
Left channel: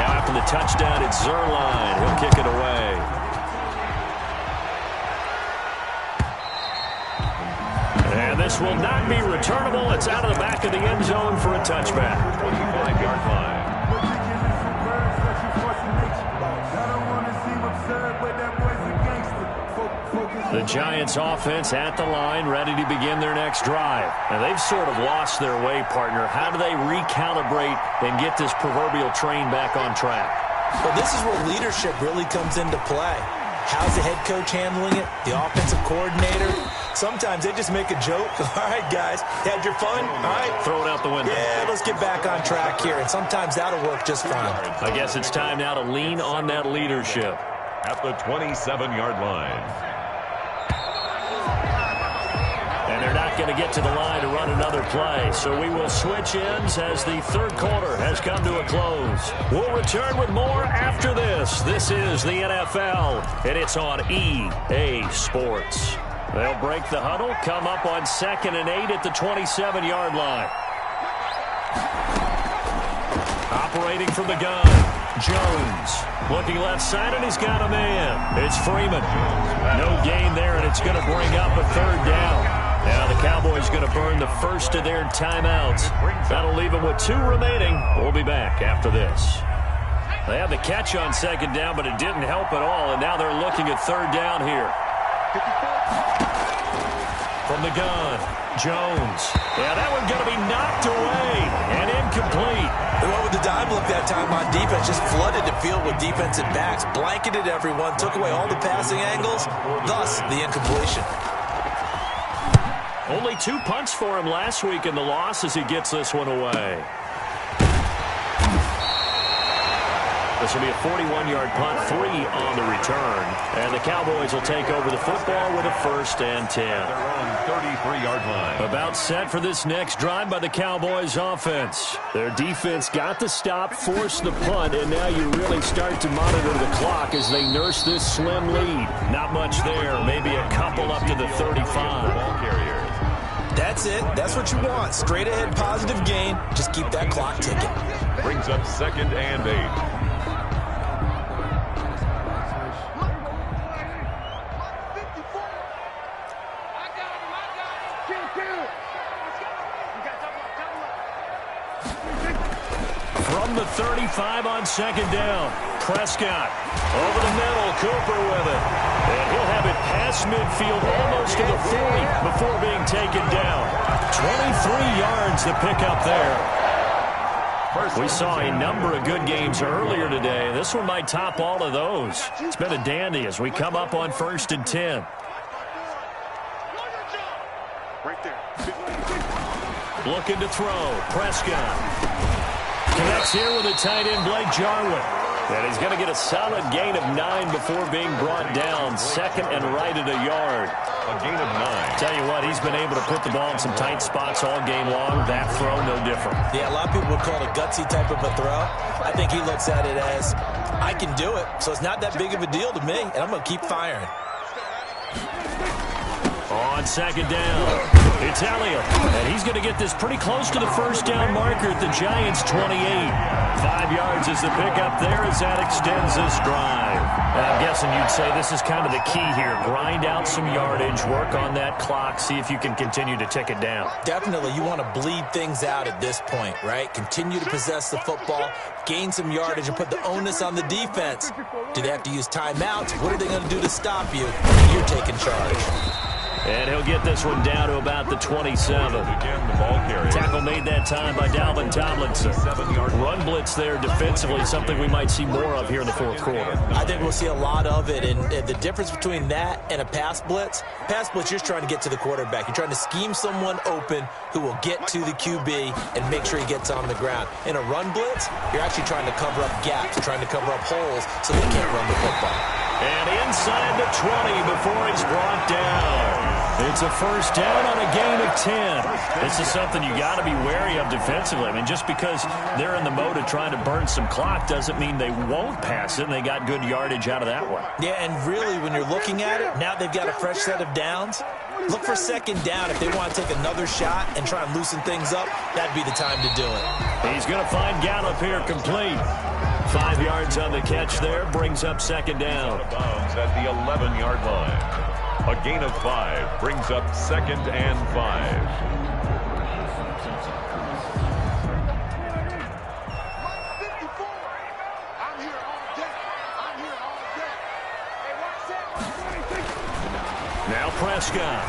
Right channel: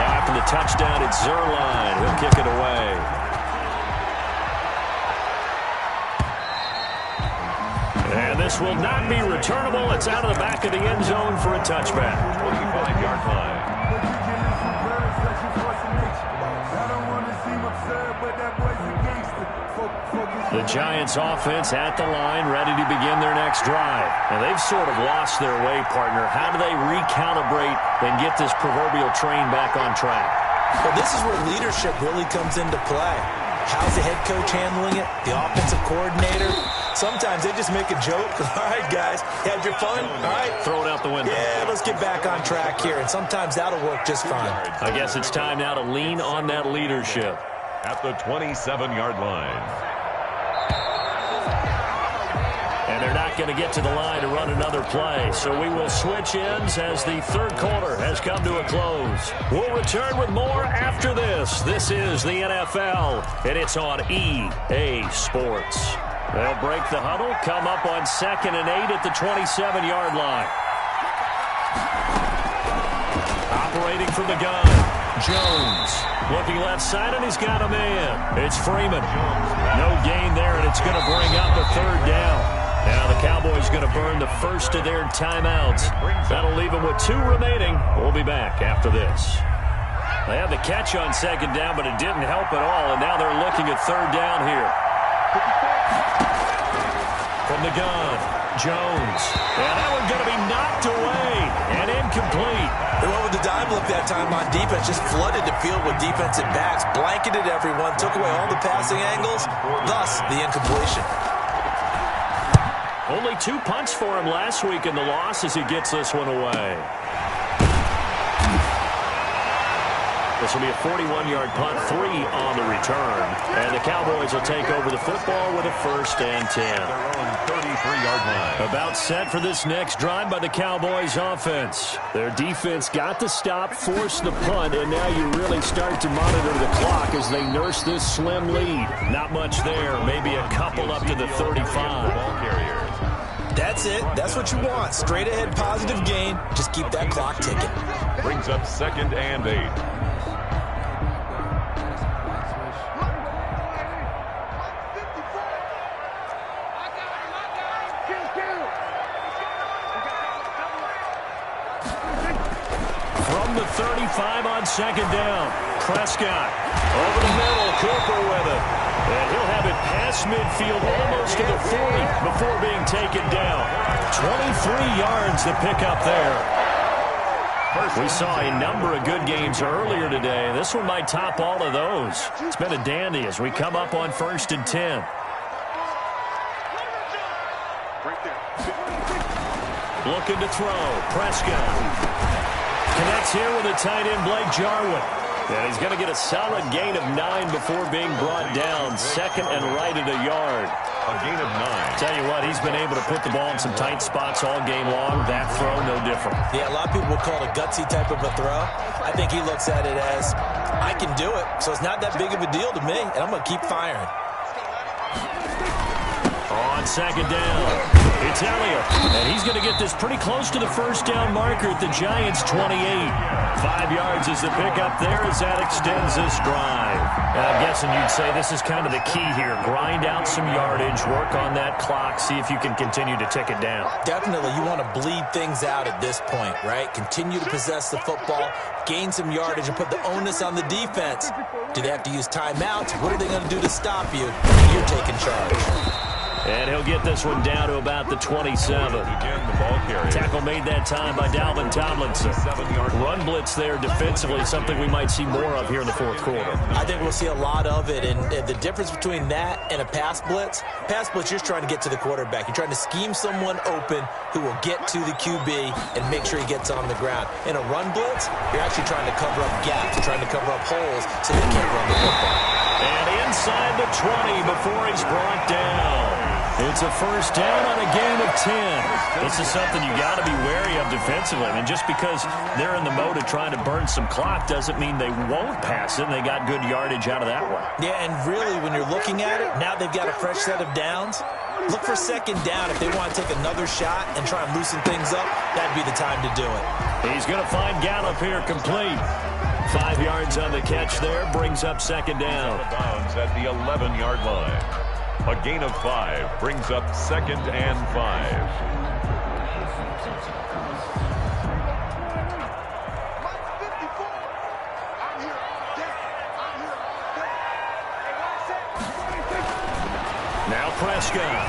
Now after the touchdown, it's Zuerlein. He'll kick it away. And this will not be returnable. It's out of the back of the end zone for a touchback. 25-yard line. The Giants offense at the line, ready to begin their next drive. And they've sort of lost their way, partner. How do they recalibrate and get this proverbial train back on track? Well, this is where leadership really comes into play. How's the head coach handling it? The offensive coordinator? Sometimes they just make a joke. All right, guys, you had your fun? All right. Throw it out the window. Yeah, let's get back on track here. And sometimes that'll work just fine. I guess it's time now to lean on that leadership. At the 27-yard line. And they're not going to get to the line to run another play. So we will switch ends as the 3rd quarter has come to a close. We'll return with more after this. This is the NFL, and it's on EA Sports. They'll break the huddle, come up on 2nd and 8 at the 27-yard line. Operating from the gun. Jones looking left side, and he's got a man. It's Freeman. No gain there, and it's going to bring up a third down. Now the Cowboys going to burn the first of their timeouts. That'll leave them with 2 remaining. We'll be back after this. They had the catch on second down, but it didn't help at all, and now they're looking at third down here. From the gun, Jones. Yeah, that one's going to be knocked away and incomplete. They went with the dime look that time on defense, just flooded the field with defensive backs, blanketed everyone, took away all the passing angles, thus the incompletion. Only 2 punts for him last week in the loss as he gets this one away. This will be a 41-yard punt, 3 on the return. And the Cowboys will take over the football with a 1st and 10. Their own 33-yard line. About set for this next drive by the Cowboys offense. Their defense got the stop, forced the punt, and now you really start to monitor the clock as they nurse this slim lead. Not much there, maybe a couple up to the 35. That's it. That's what you want. Straight ahead positive gain. Just keep that clock ticking. Brings up 2nd and 8. From the 35 on second down. Prescott over the middle. Cooper with it. And he'll have it past midfield almost to the 40 before being taken down. 23 yards to pick up there. We saw a number of good games earlier today. This one might top all of those. It's been a dandy as we come up on 1st and 10. Looking to throw. Prescott connects here with a tight end, Blake Jarwin. And he's going to get a solid gain of 9 before being brought down. 2nd and right at a yard. A gain of 9. Tell you what, he's been able to put the ball in some tight spots all game long. That throw, no different. Yeah, a lot of people would call it a gutsy type of a throw. I think he looks at it as, I can do it, so it's not that big of a deal to me, and I'm going to keep firing. On second down, it's Elliott, and he's going to get this pretty close to the 1st down marker at the Giants' 28. 5 yards is the pickup there as that extends this drive. And I'm guessing you'd say this is kind of the key here. Grind out some yardage, work on that clock, see if you can continue to tick it down. Definitely, you want to bleed things out at this point, right? Continue to possess the football, gain some yardage, and put the onus on the defense. Do they have to use timeouts? What are they going to do to stop you? You're taking charge. And he'll get this one down to about the 27. Again, the ball carrier. Tackle made that time by Dalvin Tomlinson. 7-yard Run blitz there defensively, something we might see more of here in the 4th quarter. I think we'll see a lot of it, and the difference between that and a pass blitz, you're just trying to get to the quarterback. You're trying to scheme someone open who will get to the QB and make sure he gets on the ground. In a run blitz, you're actually trying to cover up gaps, trying to cover up holes so they can't run the football. And inside the 20 before he's brought down. It's a 1st down on a gain of 10. This is something you got to be wary of defensively. I mean, just because they're in the mode of trying to burn some clock doesn't mean they won't pass it, and they got good yardage out of that one. Yeah, and really, when you're looking at it, now they've got a fresh set of downs. Look for second down. If they want to take another shot and try and loosen things up, that'd be the time to do it. He's going to find Gallup here complete. 5 yards on the catch there, brings up second down. Out of bounds at the 11-yard line. A gain of 5 brings up 2nd and 5. Now Prescott.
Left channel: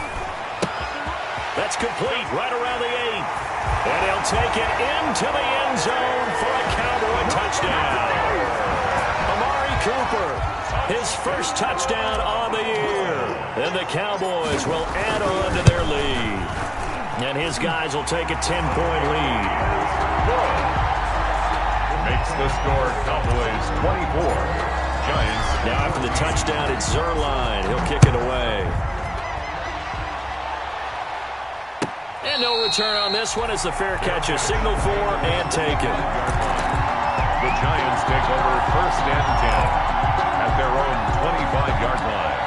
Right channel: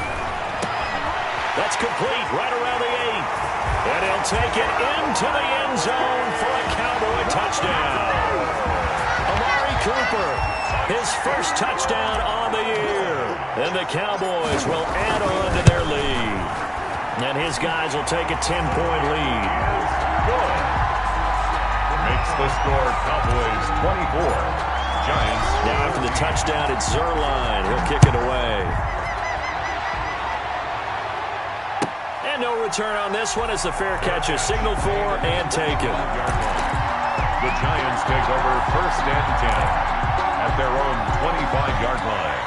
That's complete right around the 8. And he'll take it into the end zone for a Cowboy touchdown. Amari Cooper, his 1st touchdown on the year. And the Cowboys will add on to their lead. And his guys will take a 10-point lead. Good. Makes the score Cowboys 24. Giants. Now after the touchdown, it's Zerline. He'll kick it away. And no return on this one as the fair catch is signaled for and taken. The Giants take over 1st and 10 at their own 25-yard line.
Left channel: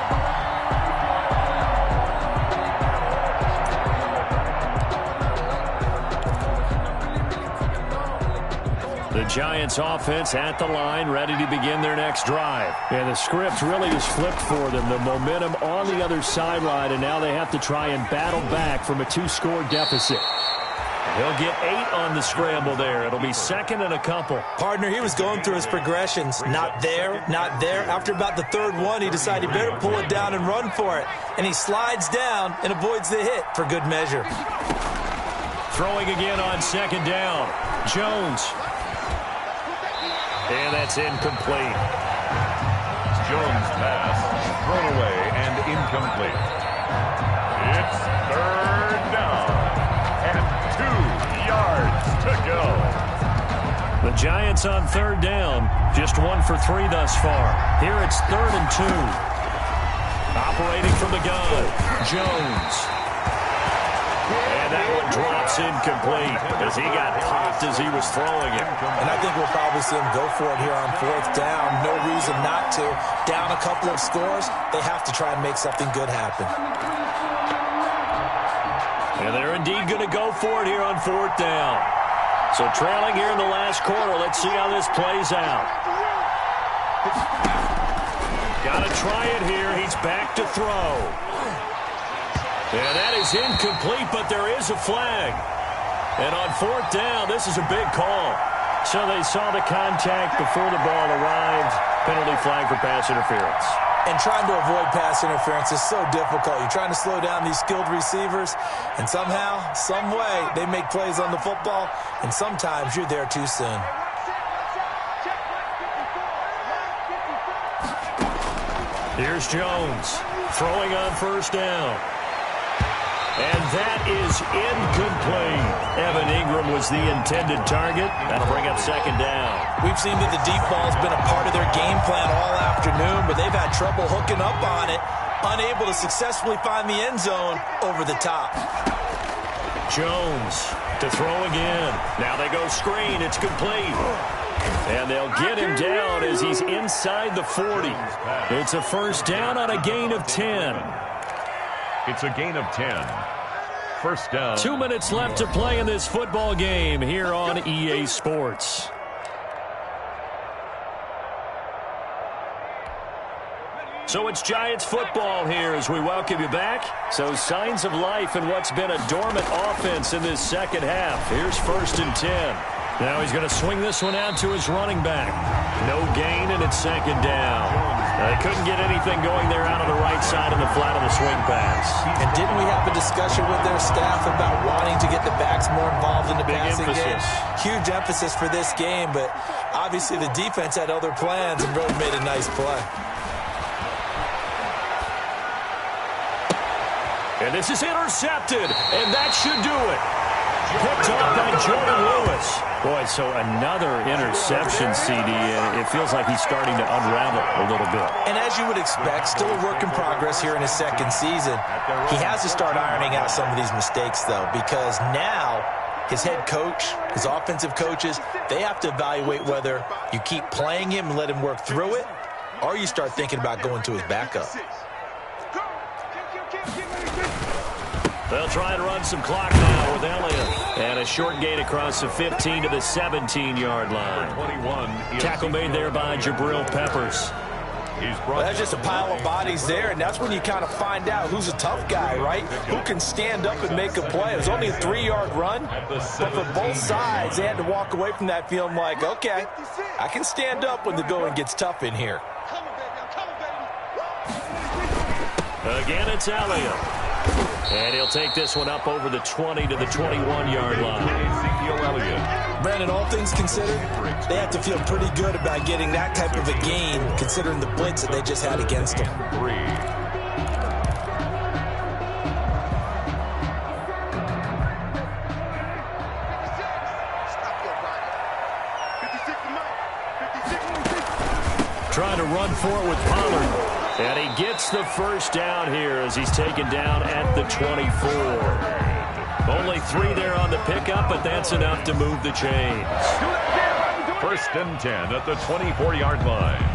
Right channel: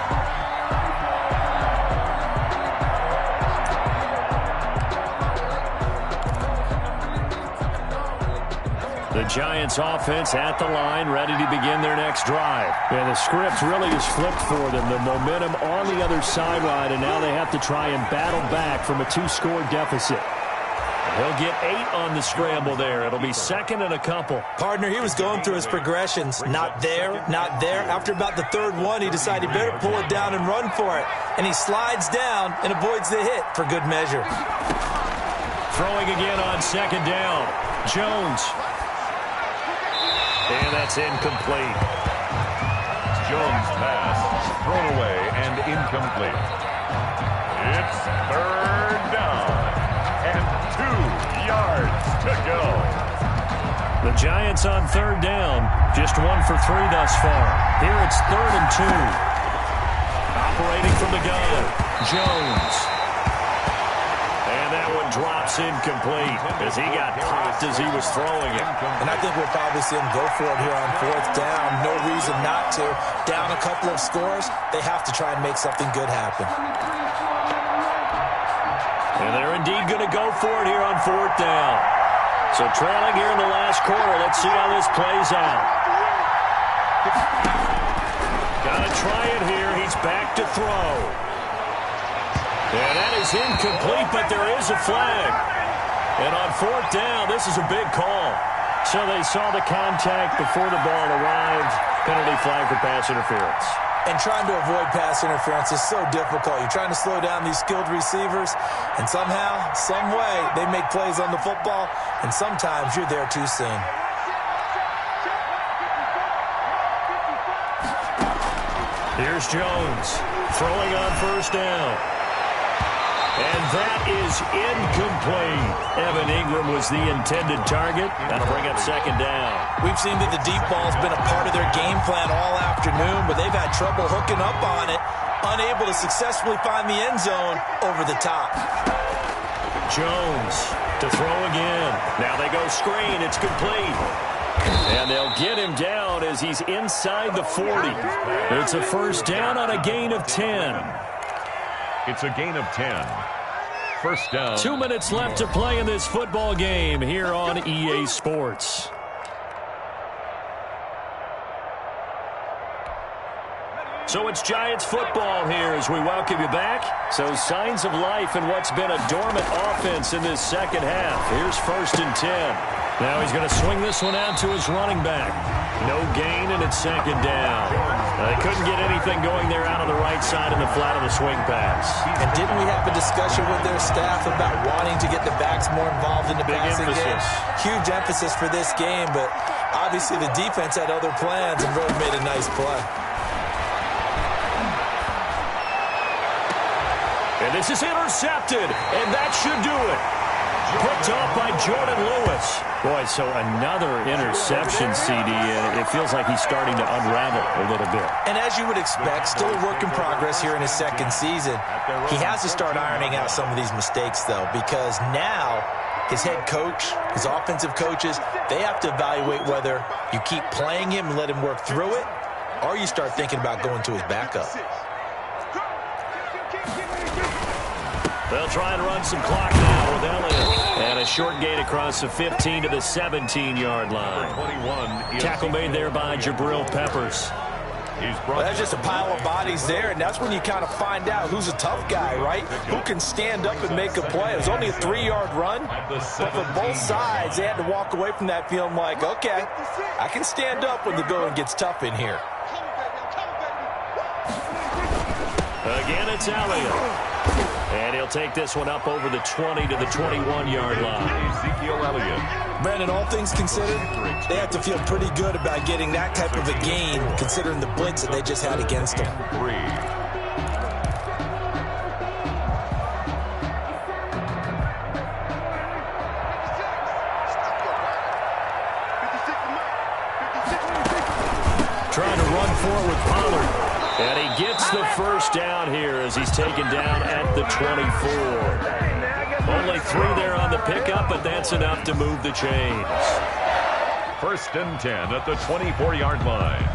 The Giants offense at the line, ready to begin their next drive. And the script really is flipped for them. The momentum on the other sideline, and now they have to try and battle back from a 2-score deficit. He'll get 8 on the scramble there. It'll be second and a couple. Partner, he was going through his progressions. Not there, not there. After about the third one, he decided he better pull it down and run for it. And he slides down and avoids the hit for good measure. Throwing again on second down. Jones. And that's incomplete. Jones' pass thrown away and incomplete. It's third down and 2 yards to go. The Giants on third down, just 1 for 3 thus far. Here it's 3rd and 2. Operating from the gun, Jones. And that one drops incomplete as he got popped as he was throwing it. And I think we'll probably see him go for it here on 4th down. No reason not to. Down a couple of scores, they have to try and make something good happen. And they're indeed going to go for it here on 4th down. So trailing here in the last quarter, let's see how this plays out. Got to try it here. He's back to throw. And that is incomplete, but there is a flag. And on 4th down, this is a big call. So they saw the contact before the ball arrived. Penalty flag for pass interference. And trying to avoid pass interference is so difficult. You're trying to slow down these skilled receivers, and somehow, some way, they make plays on the football, and sometimes you're there too soon. Here's Jones throwing on 1st down. And that is incomplete. Evan Ingram was the intended target. That'll bring up 2nd down. We've seen that the deep ball's been a part of their game plan all afternoon, but they've had trouble hooking up on it, unable to successfully find the end zone over the top. Jones to throw again. Now they go screen. It's complete. And they'll get him down as he's inside the 40. It's a 1st down on a gain of 10. It's a gain of 10. 1st down. 2 minutes left to play in this football game here on EA Sports. So it's Giants football here as we welcome you back. So signs of life in what's been a dormant offense in this second half. Here's 1st and 10. Now he's going to swing this one out to his running back. No gain, and it's 2nd down. They couldn't get anything going there out on the right side of the flat of the swing pass. And didn't we have a discussion with their staff about wanting to get the backs more involved in the passing game? Huge emphasis for this game, but obviously the defense had other plans and really made a nice play. And this is intercepted, and that should do it. Picked off by Jordan Lewis. Boy, so another interception, CD, and it feels like he's starting to unravel a little bit. And as you would expect, still a work in progress here in his 2nd season. He has to start ironing out some of these mistakes, though, because now his head coach, his offensive coaches, they have to evaluate whether you keep playing him and let him work through it, or you start thinking about going to his backup. They'll try and run some clock now with Elliott. And a short gain across the 15 to the 17-yard line. Tackle made there by Jabril Peppers. Well, that's just a pile of bodies there, and that's when you kind of find out who's a tough guy, right? Who can stand up and make a play. It was only a 3-yard run, but for both sides, they had to walk away from that feeling like, okay, I can stand up when the going gets tough in here. Again, it's Elliott. And he'll take this one up over the 20 to the 21-yard line. Ezekiel Elliott. Brandon, all things considered, they have to feel pretty good about getting that type of a gain, considering the blitz that they just had against them. 3. Trying to run for it with Pollard. And he gets the 1st down here as he's taken down at the 24. Only 3 there on the pickup, but that's enough to move the chains. 1st and 10 at the 24-yard line.